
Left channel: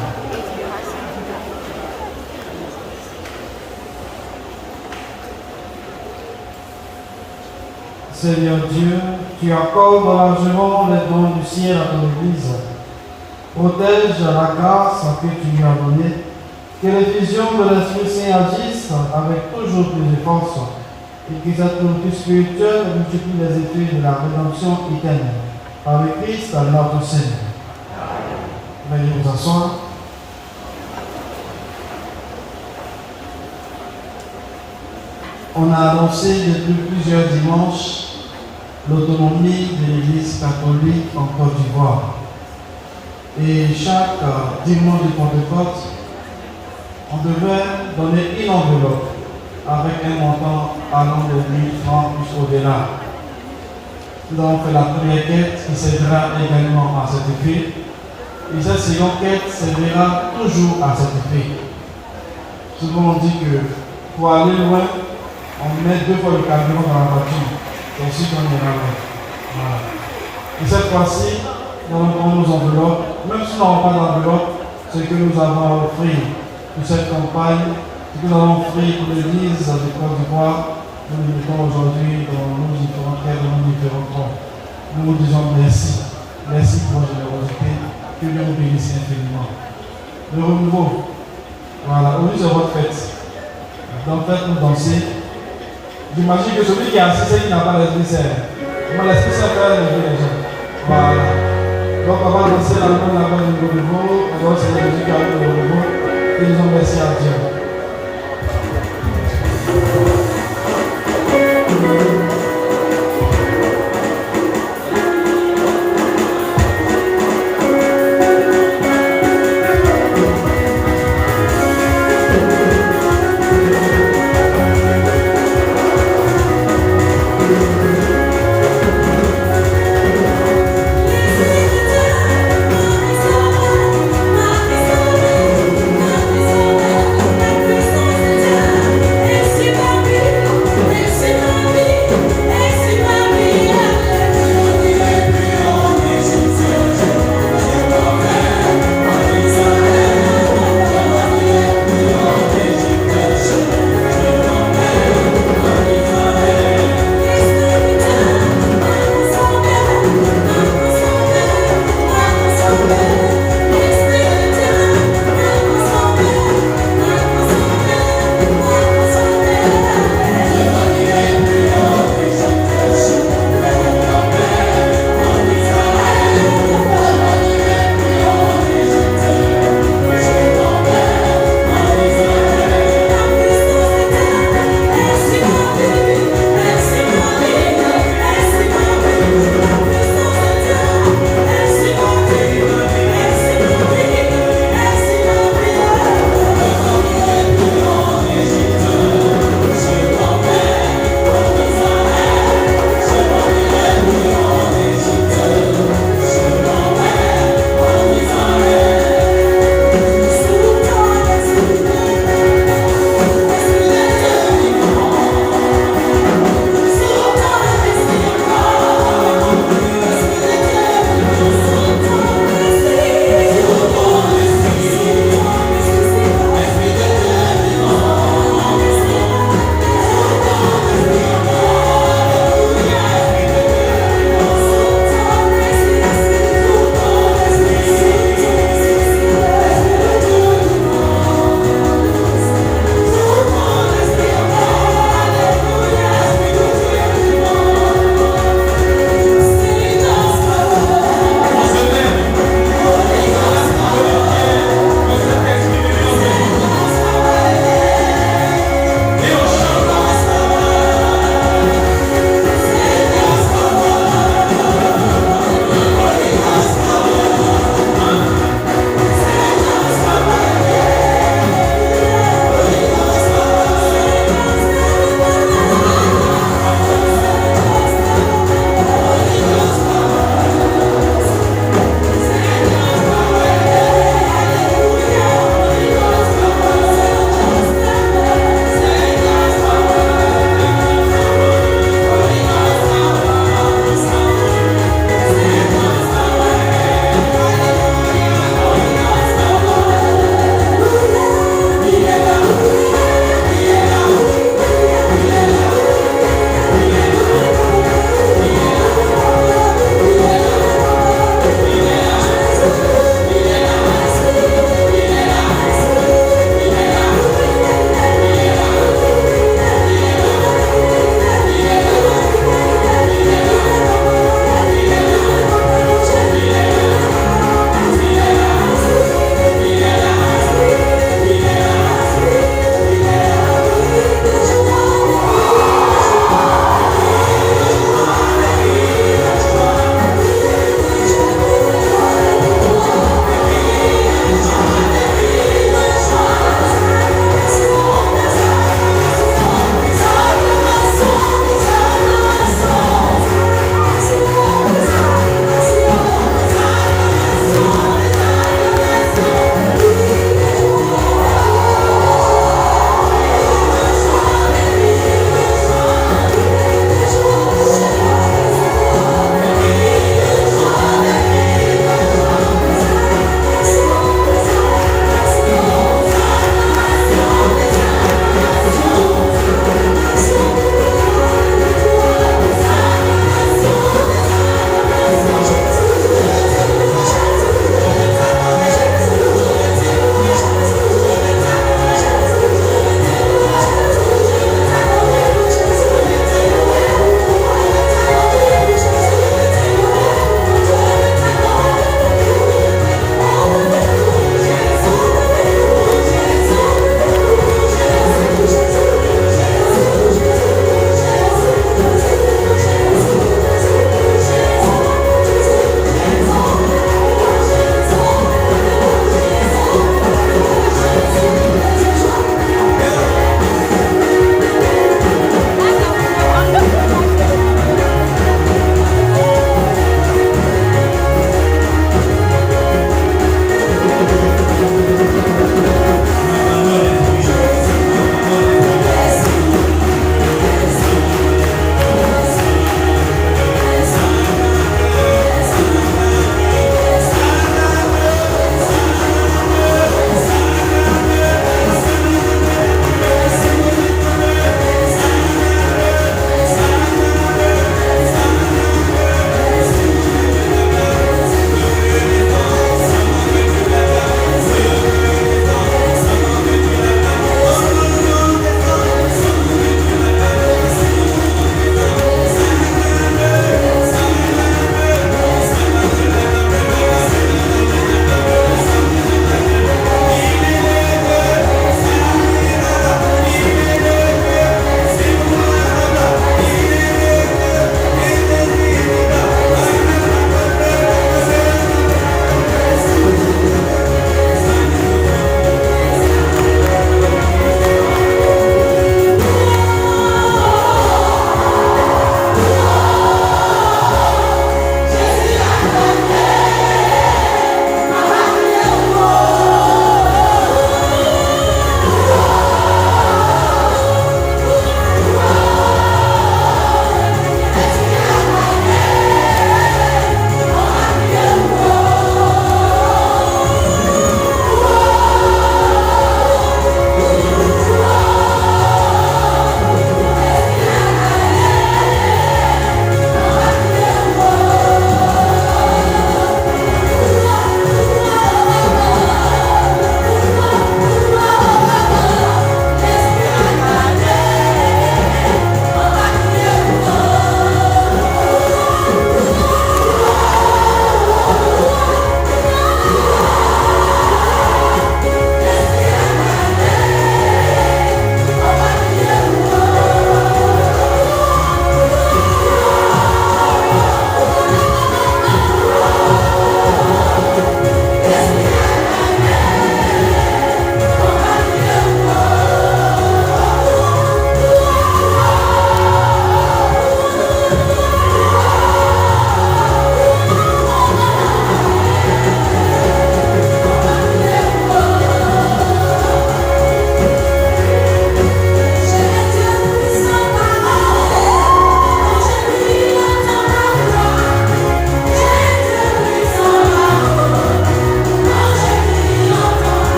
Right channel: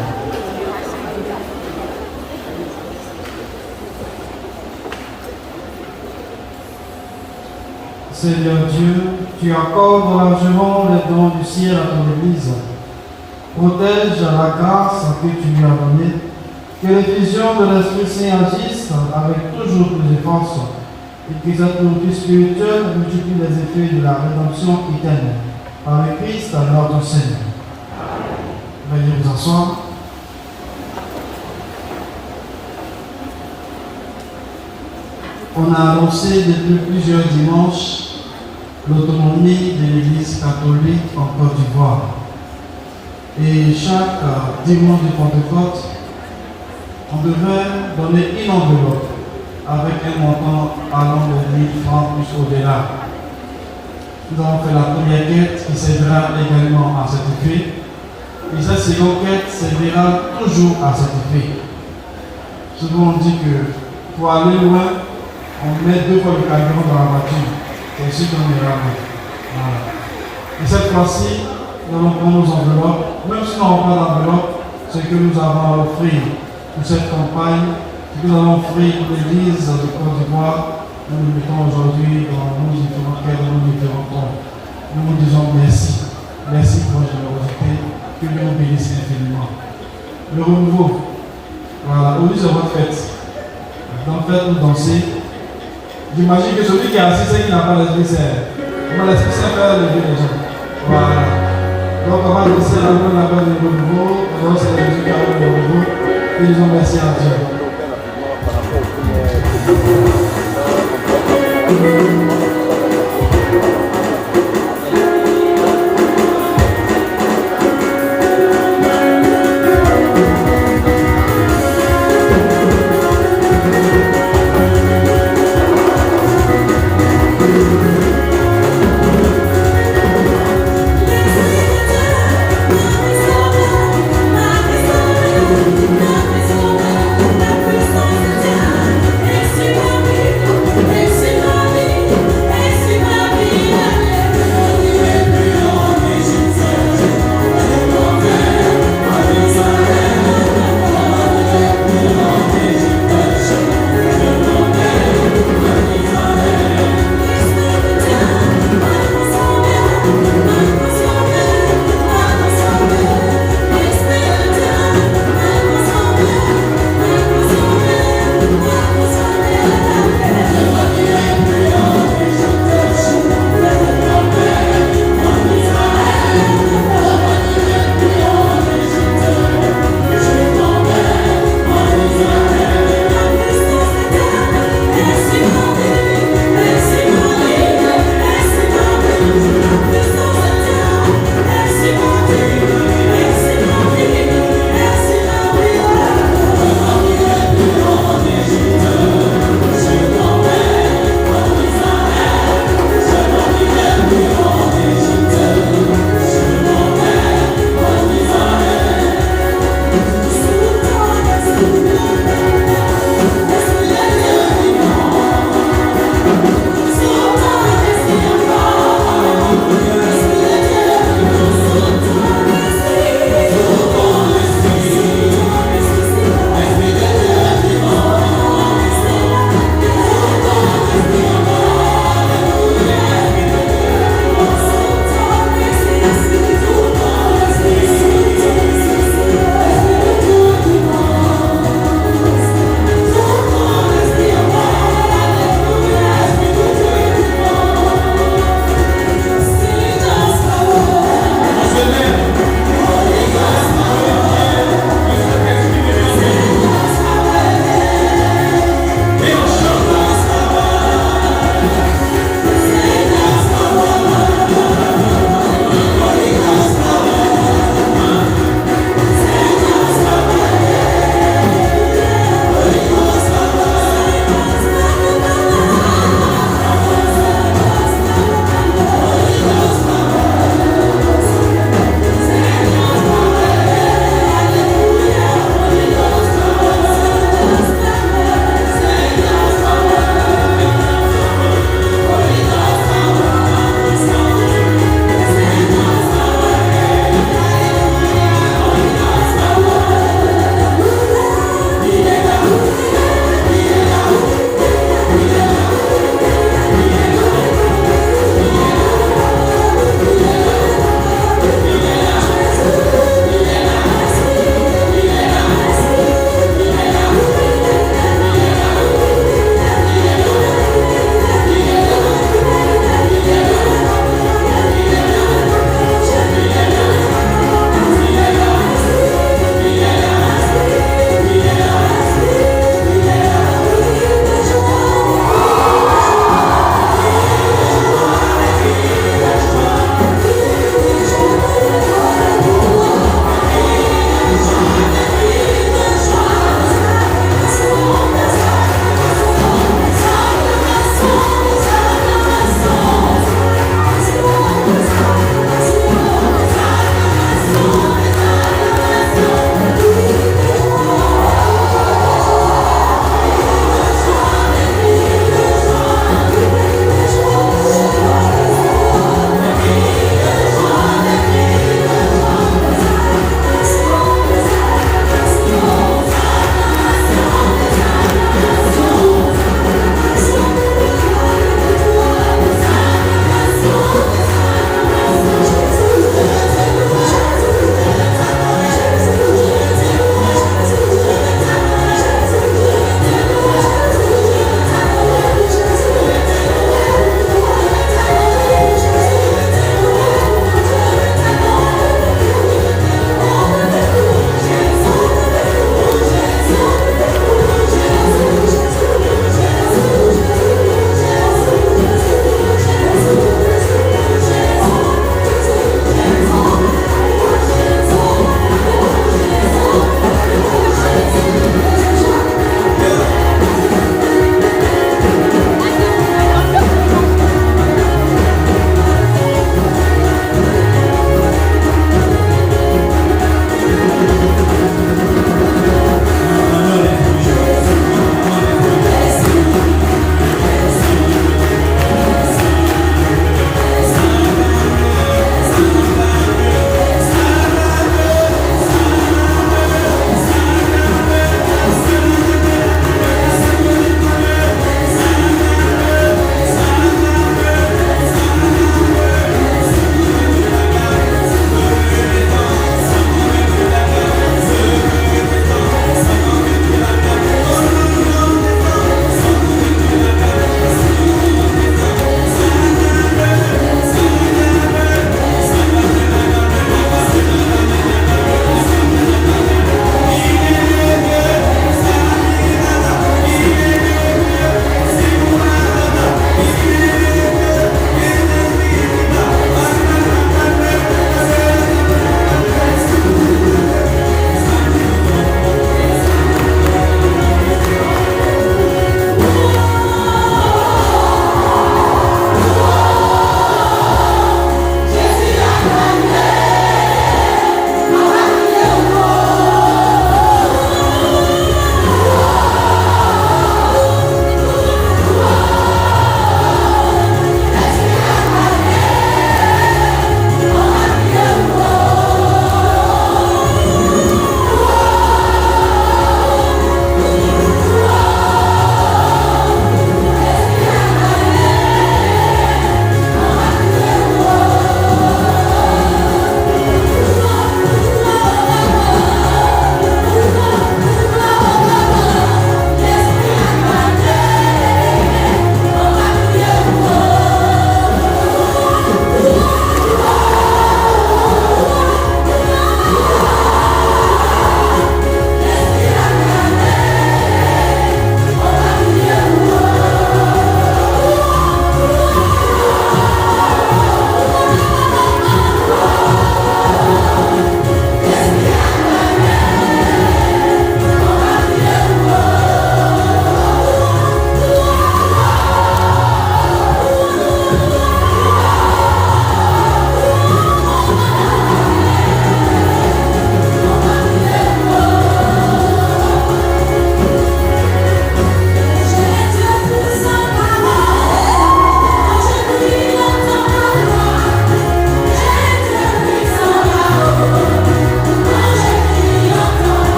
Seigneur Dieu, tu accordes largement les dons du ciel à ton Église. Protège la grâce que tu lui as donnée, que l'effusion de l'Esprit Saint agisse avec toujours plus de force, et que cette nourriture spirituelle multiplie les effets de la rédemption éternelle. Par le Christ, notre Seigneur. Veuillez vous asseoir. On a annoncé depuis plusieurs dimanches l'autonomie de l'Église catholique en Côte d'Ivoire. Et chaque dimanche de Pentecôte, on devait donner une enveloppe avec un montant allant de 1000 francs jusqu'au-delà. Nous avons fait la première quête qui servira également à cet effet. Et cette seconde quête servira toujours à cet effet. Souvent on dit que pour aller loin, on met 2 fois le carburant dans la voiture. Et ainsi qu'on ira loin. Voilà. Et cette fois-ci, nous allons prendre nos enveloppes. Même si nous n'avons pas d'enveloppe, ce que nous avons à offrir pour cette campagne, ce que nous avons offert pour l'Église de Côte d'Ivoire, nous le mettons aujourd'hui dans nos différentes quêtes, dans nos différents temps. Nous disons merci. Merci pour votre générosité. Que Dieu vous bénisse infiniment. Le renouveau. Voilà, aujourd'hui c'est votre fête. Donc faites-nous danser. J'imagine que celui qui est assis, c'est qu'il n'a pas l'esprit saint. Moi, l'esprit saint fait lever les gens. Voilà. Donc avant de laisser la main, on appelle le renouveau. Alors c'est Jésus qui a le renouveau. Et nous disons merci à Dieu. La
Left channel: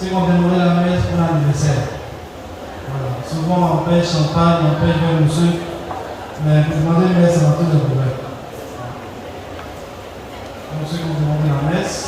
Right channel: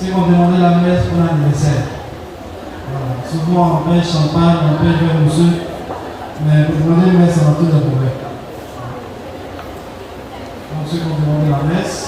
c'est qu'on demandait la messe pour l'anniversaire. Voilà. Souvent on paye champagne, on paye vin mousseux, mais pour demander une messe, on a tous les problèmes. Donc ceux qui ont demandé la messe,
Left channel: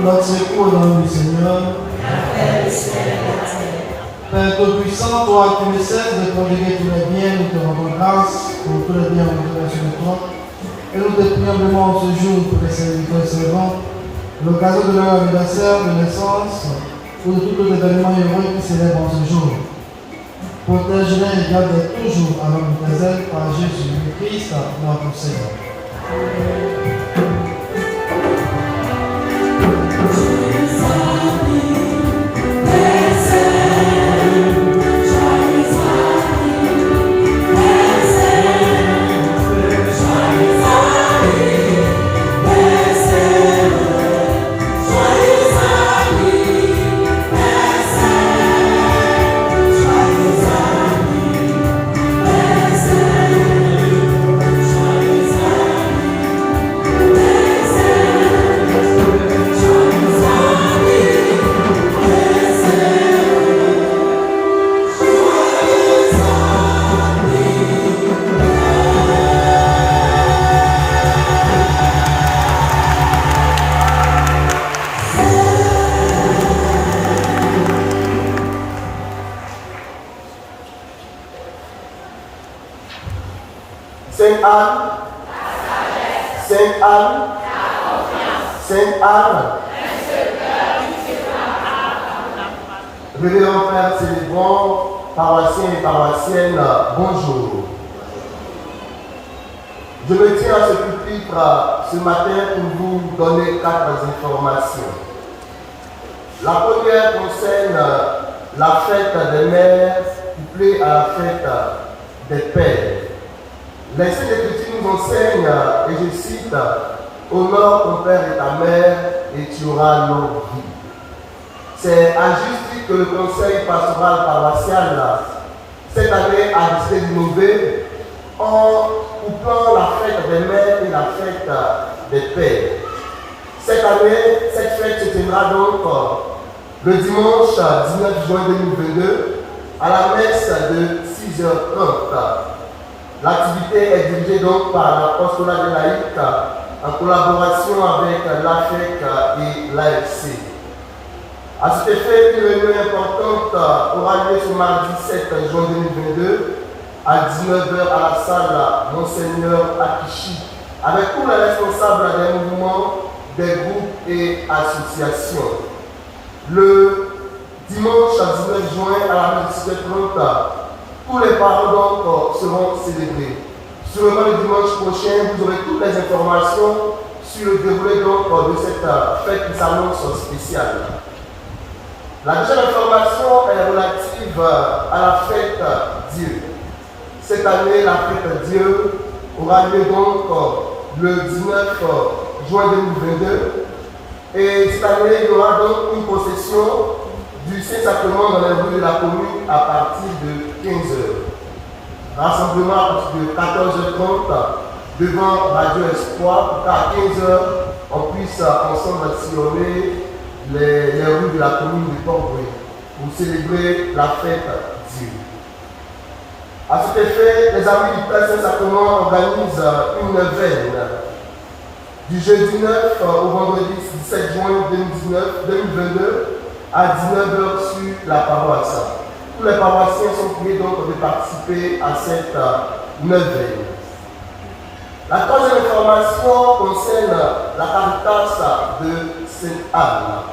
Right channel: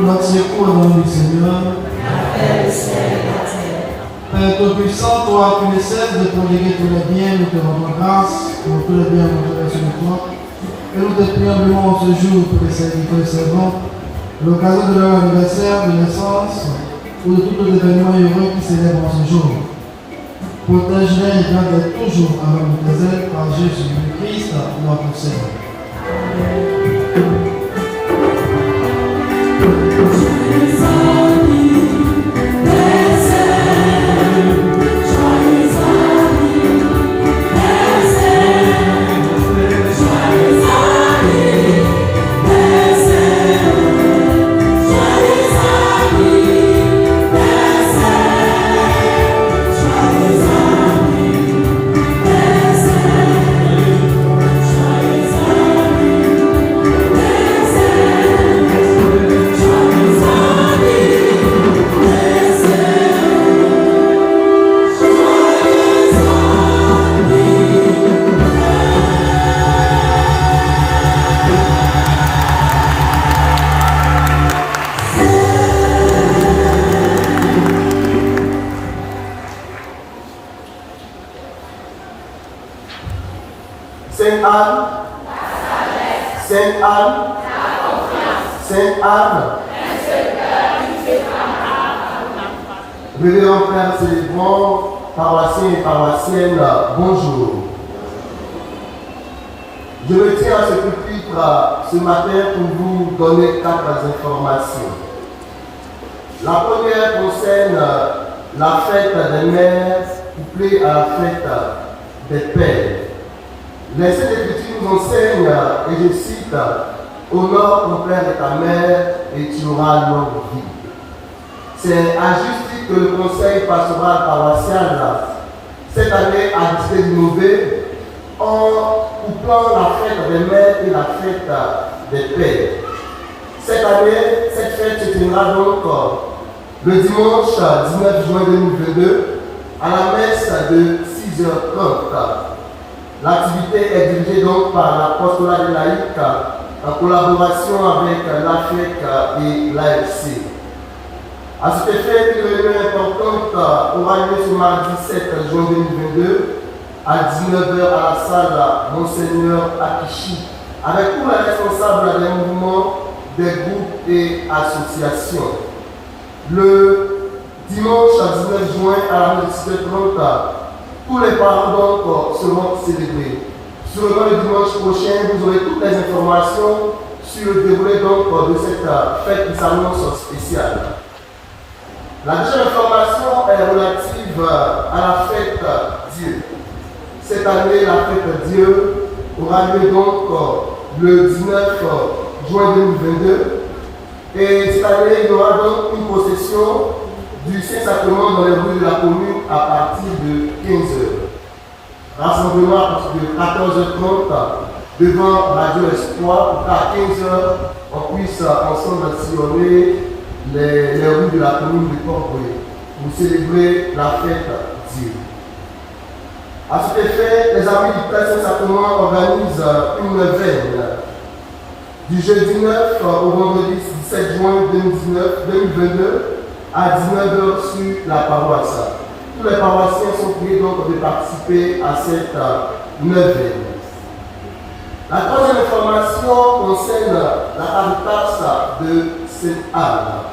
notre secours dans le Seigneur. Père Tout-Puissant, toi qui ne cesses de prodiguer tous les biens, nous te rendons grâce pour tous les biens retirés sur toi. Et nous te prions humblement ce jour pour les serviteurs et servants, l'occasion de leur anniversaire, de naissance, ou de tout événement heureux qui célèbre en ce jour. Protège-les et garde-les toujours avec nous tes ailes par Jésus le Christ, notre Seigneur. Sainte Anne, Sainte Anne, Sainte Anne, Révérend Père célébrant, paroissiens et paroissiennes, bonjour. Je me tiens à ce pupitre ce matin pour vous donner 4 informations. La première concerne la fête des mères couplée à la fête des pères. Les Saintes Écritures nous enseignent, et je cite, « Honore ton père et ta mère, et tu auras longue vie ». C'est à juste titre que le Conseil pastoral paroissial, cette année, a décidé d'innover en couplant la fête des mères et la fête des pères. Cette année, cette fête se tiendra donc le dimanche 19 juin 2022 à la messe de 6h30. L'activité est dirigée donc par l'apostolat des laïcs en collaboration avec l'AFEC et l'AFC. À cet effet, une réunion importante aura lieu ce mardi 7 juin 2022 à 19h à la salle Monseigneur Akichi avec tous les responsables des mouvements, des groupes et associations. Le dimanche 19 juin à la messe de 6h30, tous les parents donc seront célébrés. Sûrement le dimanche prochain, vous aurez toutes les informations sur le déroulé donc de cette fête qui s'annonce spéciale. La deuxième information est relative à la fête Dieu. Cette année, la fête Dieu aura lieu donc le 19 juin 2022. Et cette année, il y aura donc une procession du Saint-Sacrement dans les rues de la commune à partir de 15h. Rassemblement à partir de 14h30 devant Radio Espoir pour qu'à 15h on puisse ensemble sillonner les rues de la commune de Port-Bruy pour célébrer la fête Dieu. À cet effet, les amis du Père Saint-Sacrement organisent une neuvaine du jeudi 9 au vendredi 17 juin 2022 à 19h sur la paroisse. Tous les paroissiens sont priés donc de participer à cette neuvaine. La troisième information concerne la Caritas de Sainte-Anne.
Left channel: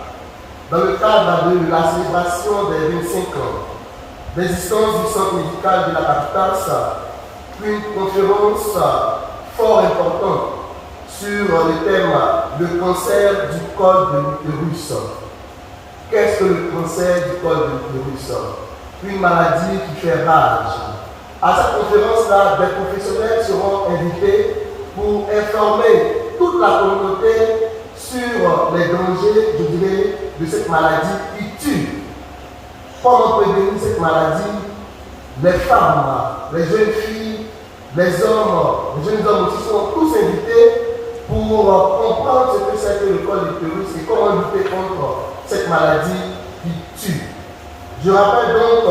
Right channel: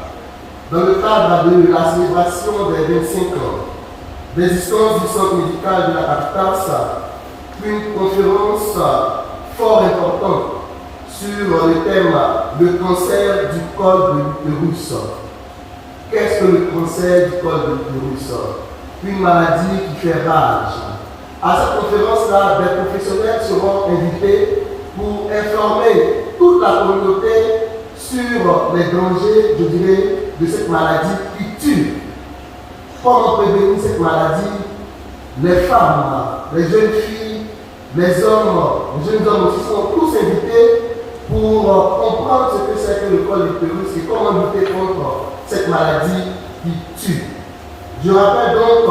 dans le cadre de la célébration des 25 ans d'existence du centre médical de la Caritas, une conférence fort importante sur le thème « Le cancer du col de l'utérus ». Qu'est-ce que le cancer du col de l'utérus? Une maladie qui fait rage. À cette conférence-là, des professionnels seront invités pour informer toute la communauté sur les dangers, je dirais, de cette maladie qui tue. Comment prévenir cette maladie? Les femmes, les jeunes filles, les jeunes hommes aussi sont tous invités pour comprendre ce que c'est que le col de l'utérus et comment lutter contre cette maladie qui tue. Je rappelle donc,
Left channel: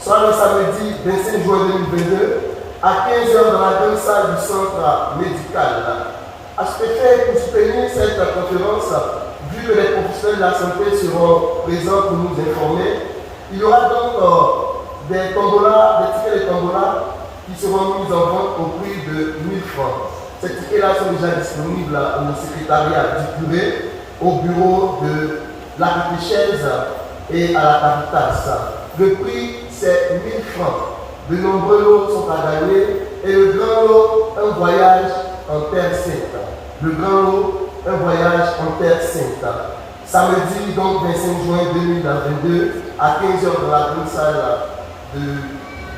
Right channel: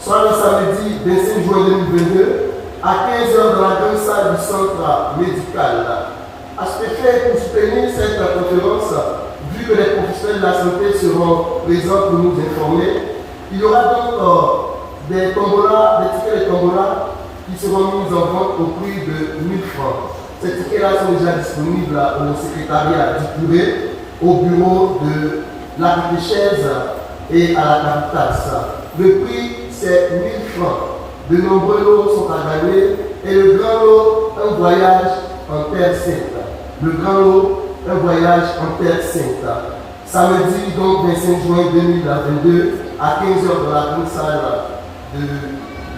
soit le samedi 25 juin 2022, à 15h dans la grande salle du centre médical. À cet effet, pour soutenir cette conférence, vu que les professionnels de la santé seront présents pour nous informer, il y aura donc des tombolas, des tickets de tombola qui seront mis en vente au prix de 1000 francs. Ces tickets-là sont déjà disponibles au secrétariat du curé, au bureau de la catéchèse et à la Caritas. Le prix, c'est 1000 francs. De nombreux lots sont à gagner et le grand lot, un voyage en Terre Sainte. Le grand lot, un voyage en Terre Sainte. Samedi, donc 25 juin 2022, à 15h dans la grande salle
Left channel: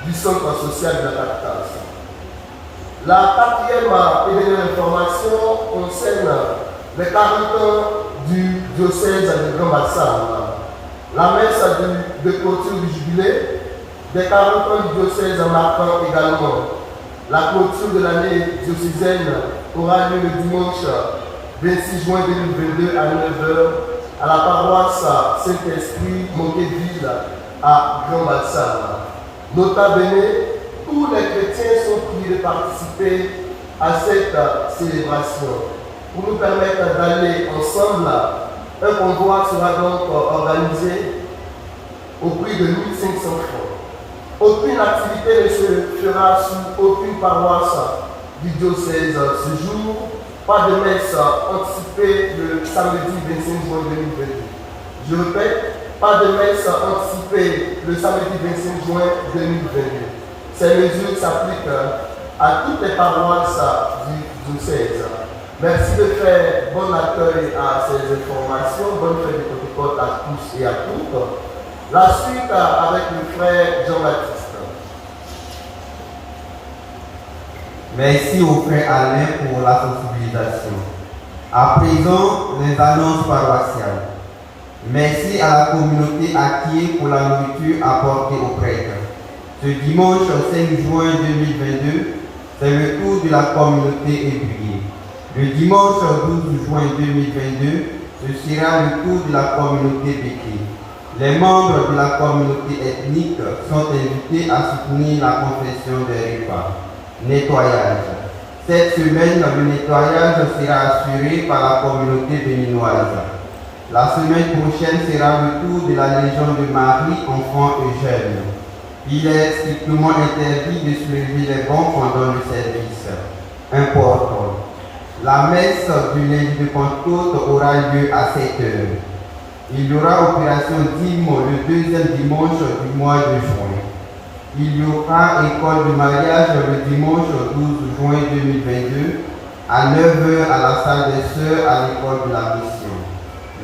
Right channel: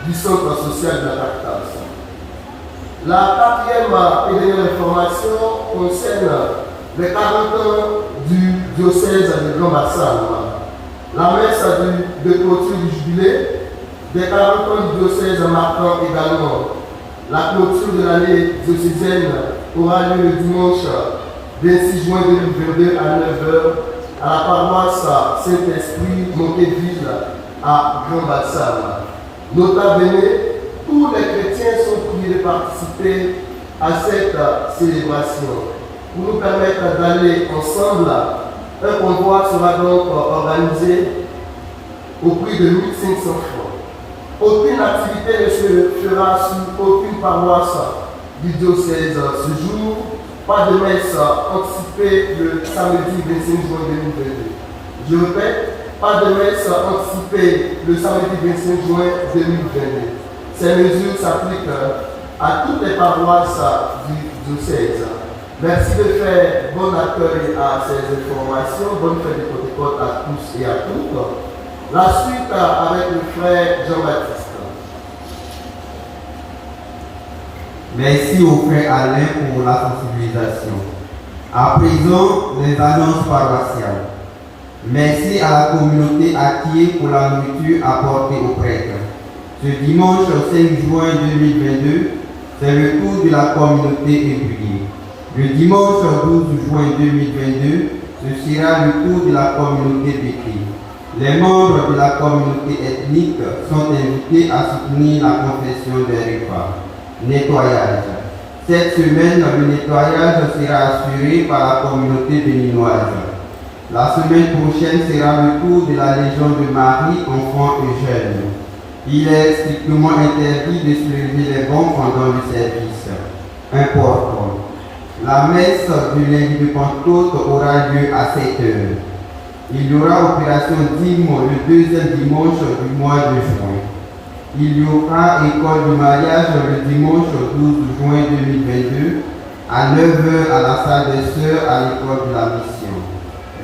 du centre social de la Caritas. La quatrième et dernière information concerne les 40 ans du diocèse de Grand Bassam. La messe de clôture du jubilé des 40 ans du diocèse marquant également la clôture de l'année diocésaine aura lieu le dimanche 26 juin 2022 à 9h à la paroisse Saint-Esprit Montéville à Grand Bassam. Nota bene, tous les chrétiens sont priés de participer à cette célébration. Pour nous permettre d'aller ensemble, un convoi sera donc organisé au prix de 1500 francs. Aucune activité ne se fera sur aucune paroisse du diocèse ce jour. Pas de messe anticipée le samedi 25 juin 2022. Je répète, pas de messe anticipée le samedi 25 juin 2022. Ces mesures s'appliquent à toutes les paroisses du diocèse. Merci de faire bon accueil à ces informations. Bonne fête de Pentecôte à tous et à toutes. La suite avec le frère Jean-Baptiste. Merci au frère Alain pour la sensibilisation. À présent, les annonces paroissiales. Merci à la communauté active pour la nourriture apportée aux prêtres. Ce dimanche 5 juin 2022, c'est le tour de la communauté ébriée. Le dimanche 12 juin 2022, ce sera le tour de la communauté béquée. Les membres de la communauté ethnique sont invités à soutenir la confession des repas. Nettoyage. Cette semaine, le nettoyage sera assuré par la communauté béninoise. La semaine prochaine sera le tour de la Légion de Marie, enfants et jeunes. Il est strictement interdit de soulever les bancs pendant le service. Important. La messe du lundi de Pentecôte aura lieu à 7 heures. Il y aura opération dîme le deuxième dimanche du mois de juin. Il y aura école de mariage le dimanche 12 juin 2022 à 9h à la salle des sœurs à l'école de la mission.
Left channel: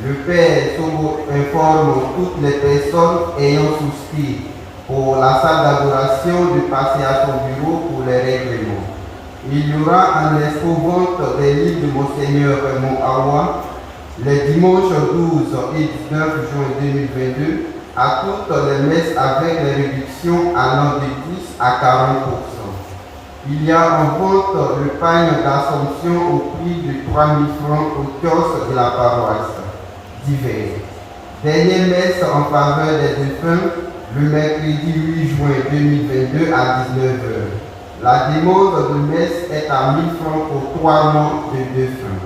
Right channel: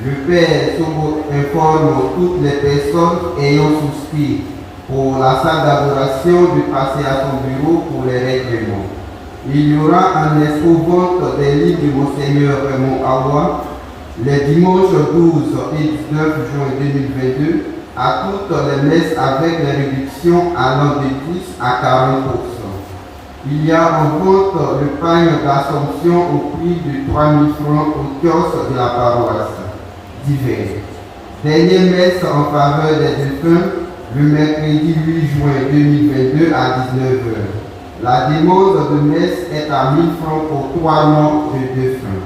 Le Père Sobo informe toutes les personnes ayant souscrit pour la salle d'adoration de passer à son bureau pour les règlements. Il y aura un expo-vente des livres de Monseigneur Raymond Awa les dimanches 12 et 19 juin 2022 à toutes les messes avec les réductions allant de 10 à 40%. Il y a en vente le pain d'Assomption au prix de 3 000 francs au kiosque de la paroisse d'hiver. Dernière messe en faveur des défunts le mercredi 8 juin 2022 à 19h. La demande de messe est à 1000 francs pour 3 mois de défunts.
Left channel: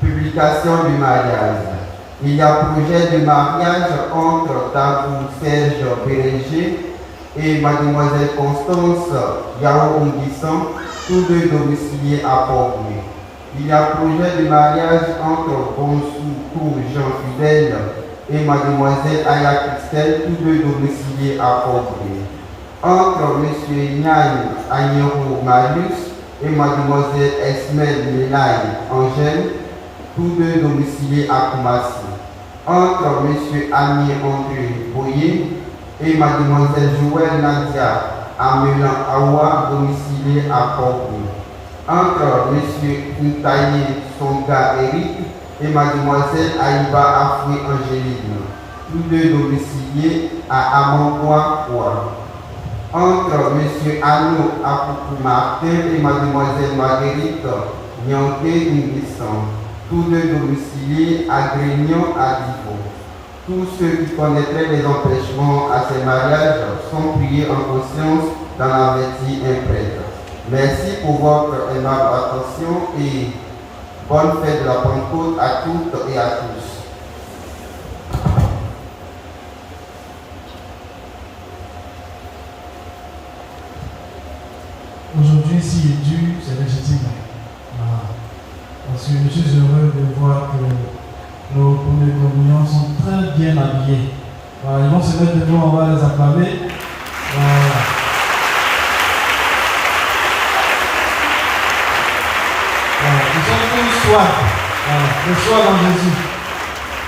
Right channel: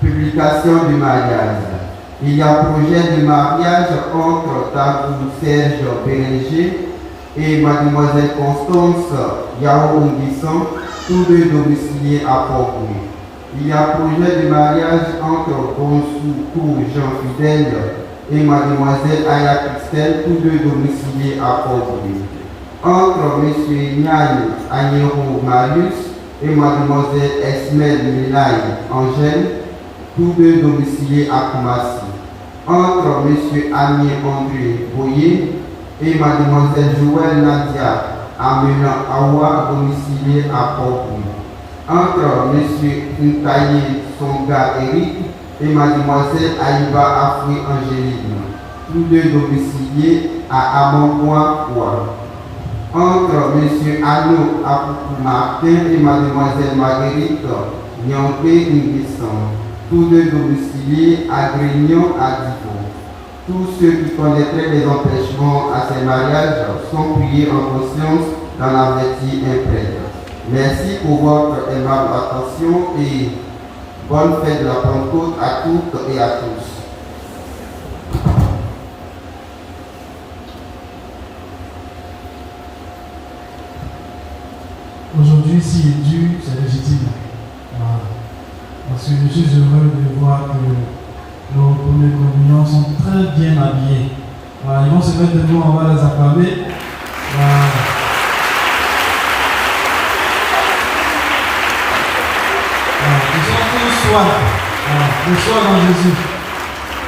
Publication du mariage. Il y a projet de mariage entre Dabou Serge Bérenger et Mademoiselle Constance Yao Unguisson, tous deux domiciliés à Port-Louis. Il y a projet de mariage entre Bonsoukou Jean Fidèle et mademoiselle Aya Christelle, tous deux domiciliés à Port-Bruit. Entre M. Nian Agnero Marius et mademoiselle Esmel Melaye Angèle, tous deux domiciliés à Koumassi. Entre M. Ami André Boyer et mademoiselle Joël Nadia Amélan Awa, domiciliés à Port-Bruit. Entre M. Ntaye Songa Eric et mademoiselle Aïba Afri Angélique, tous deux domiciliés à Amangoua. Entre M. Anno Apoukou Martin et mademoiselle Marguerite Nyanké Nguissan, tous deux domiciliés à Grignon à Divo. Tous ceux qui connaîtraient les empêchements à ces mariages sont priés en conscience dans la vertu imprègne. Merci pour votre aimable attention et bonne fête de la Pentecôte à toutes et à tous. Aujourd'hui, si est dû, c'est légitime. Voilà. Parce que je suis heureux de voir que nos premiers communions sont très bien habillés. Voilà. Ils vont se mettre debout, on va les acclamer. Voilà. Voilà. Ils sont tous soirs. Voilà. Tous soirs dans Jésus.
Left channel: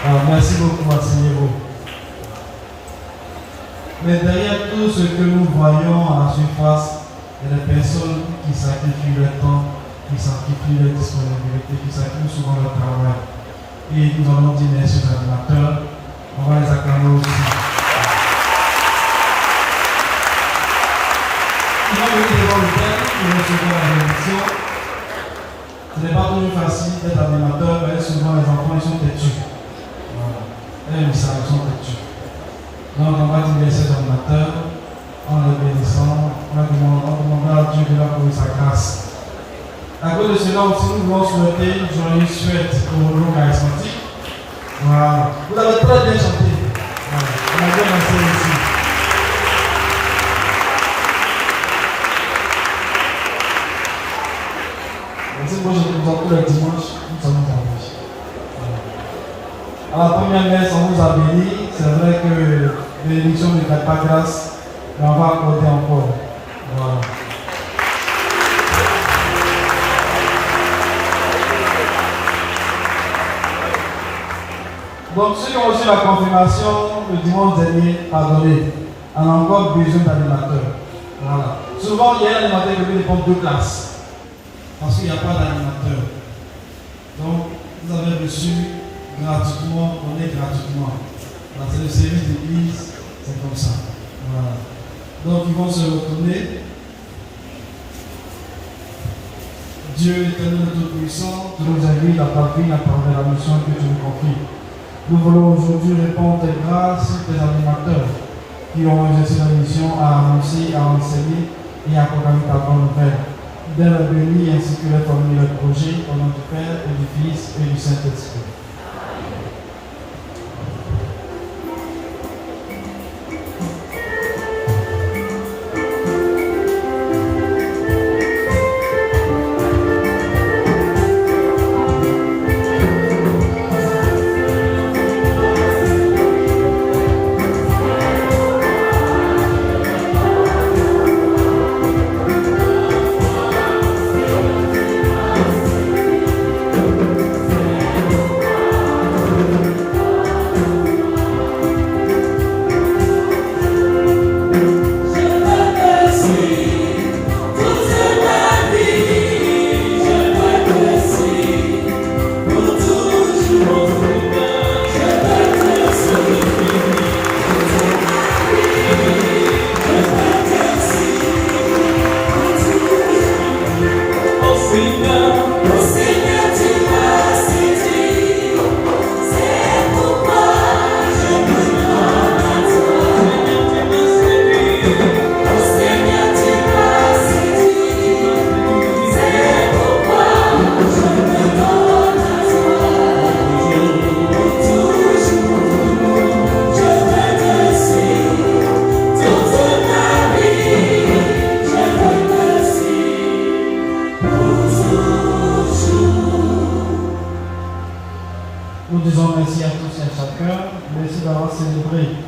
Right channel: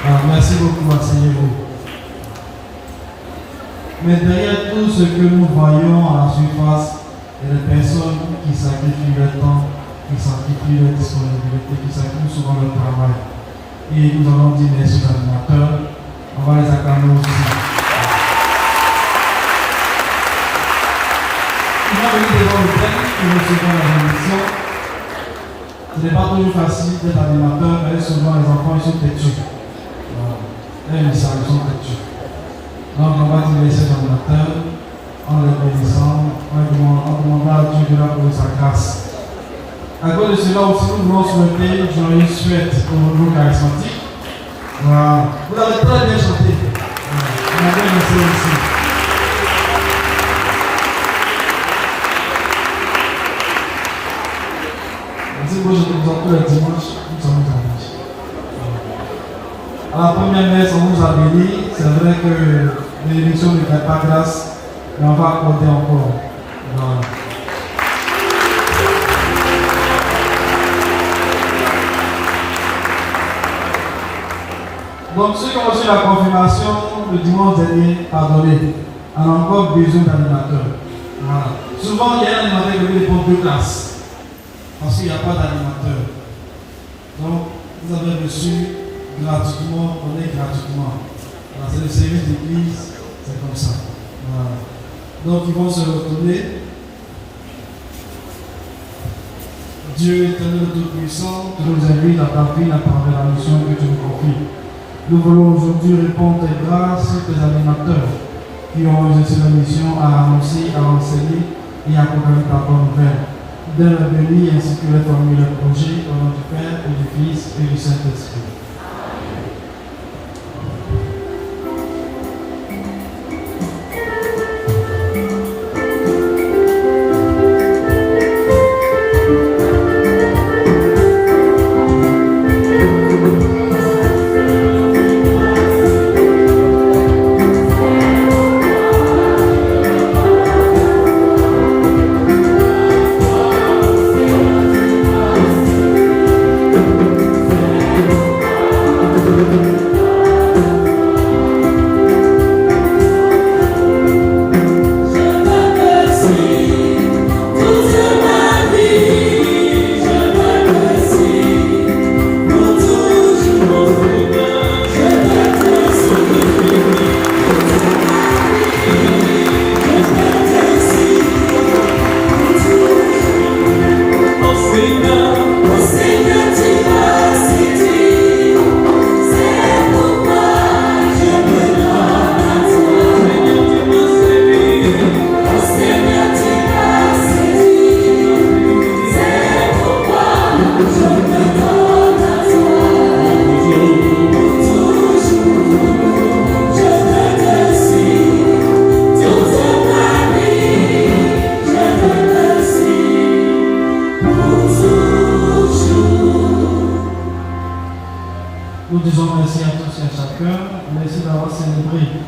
Voilà. Merci beaucoup, asseyez-vous. Mais derrière tout ce que nous voyons à la surface, il y a des personnes qui sacrifient leur temps, qui sacrifient leur disponibilité, qui sacrifient souvent leur travail. Et nous allons dire merci aux animateurs, on va les acclamer aussi. Ils vont venir devant le thème pour recevoir la bénédiction. Ce n'est pas toujours facile d'être animateur, car souvent les enfants ils sont têtus. Voilà. Ils sont têtus. Donc on va dire merci aux animateurs. En les bénissant, en demandant à Dieu de l'accorder sa grâce. À cause de cela aussi, nous voulons souhaiter une joyeuse fête au niveau charismatique. Voilà. Vous l'avez très bien chanté. Voilà. On a bien laissé ici. Merci beaucoup, je vous tous les dimanches, nous sommes dimanches. À la première messe, on vous a béni. C'est vrai que l'élection ne fait pas grâce. Mais on va accorder encore. Voilà. Donc ceux qui ont reçu la confirmation le dimanche dernier, pardonnez, on a encore besoin d'animateurs. Voilà. Souvent il y a un animateur qui veut prendre 2 classes. Parce qu'il n'y a pas d'animateur. Donc vous avez reçu gratuitement, on est gratuitement. Voilà, c'est le service d'église, c'est comme ça. Voilà. Donc ils vont se retourner. Dieu éternel Tout-Puissant, tu nous invites à ta vie à travers la mission que tu nous confies. Nous voulons aujourd'hui répondre tes grâces sur tes animateurs qui ont exercé la mission à annoncer, à enseigner et à accompagner ta bonne nouvelle. Donne le béni ainsi que les familles, le projet, au nom du Père et du Fils et du Saint-Esprit. célébrer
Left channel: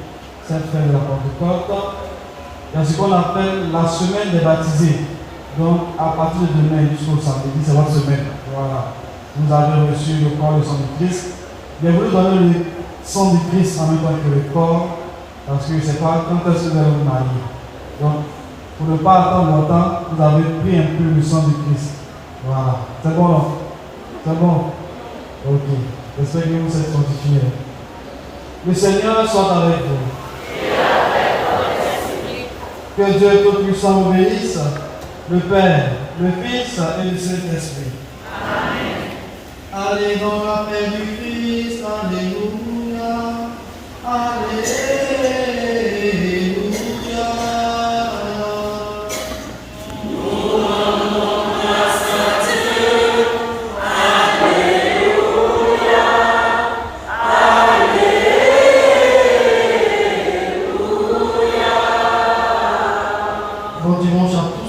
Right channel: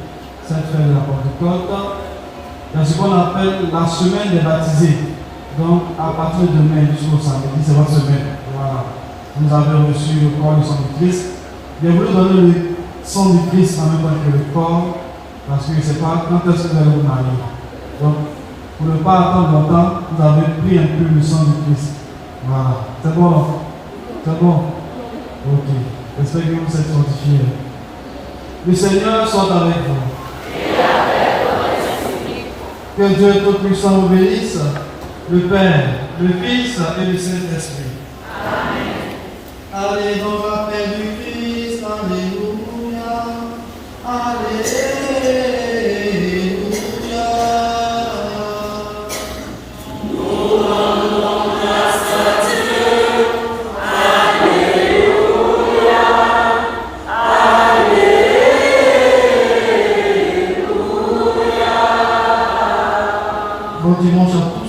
cette fête de la Pentecôte. C'est ce qu'on appelle la semaine des baptisés. Donc, à partir de demain jusqu'au samedi, c'est votre semaine. Voilà. Vous avez reçu le corps et le sang du Christ. Bien, vous donner le sang du Christ en même temps que le corps, parce que c'est pas quand est-ce que vous allez vous marier. Donc, pour ne pas attendre longtemps, vous avez pris un peu le sang du Christ. Voilà. C'est bon? C'est bon? Ok. J'espère que vous êtes fortifiés. Le Seigneur soit avec vous. Que Dieu Tout-Puissant vous bénisse, le Père, le Fils et le Saint-Esprit. Amen. Allez dans la paix du Christ. Alléluia. Alléluia. Bon dimanche à tous.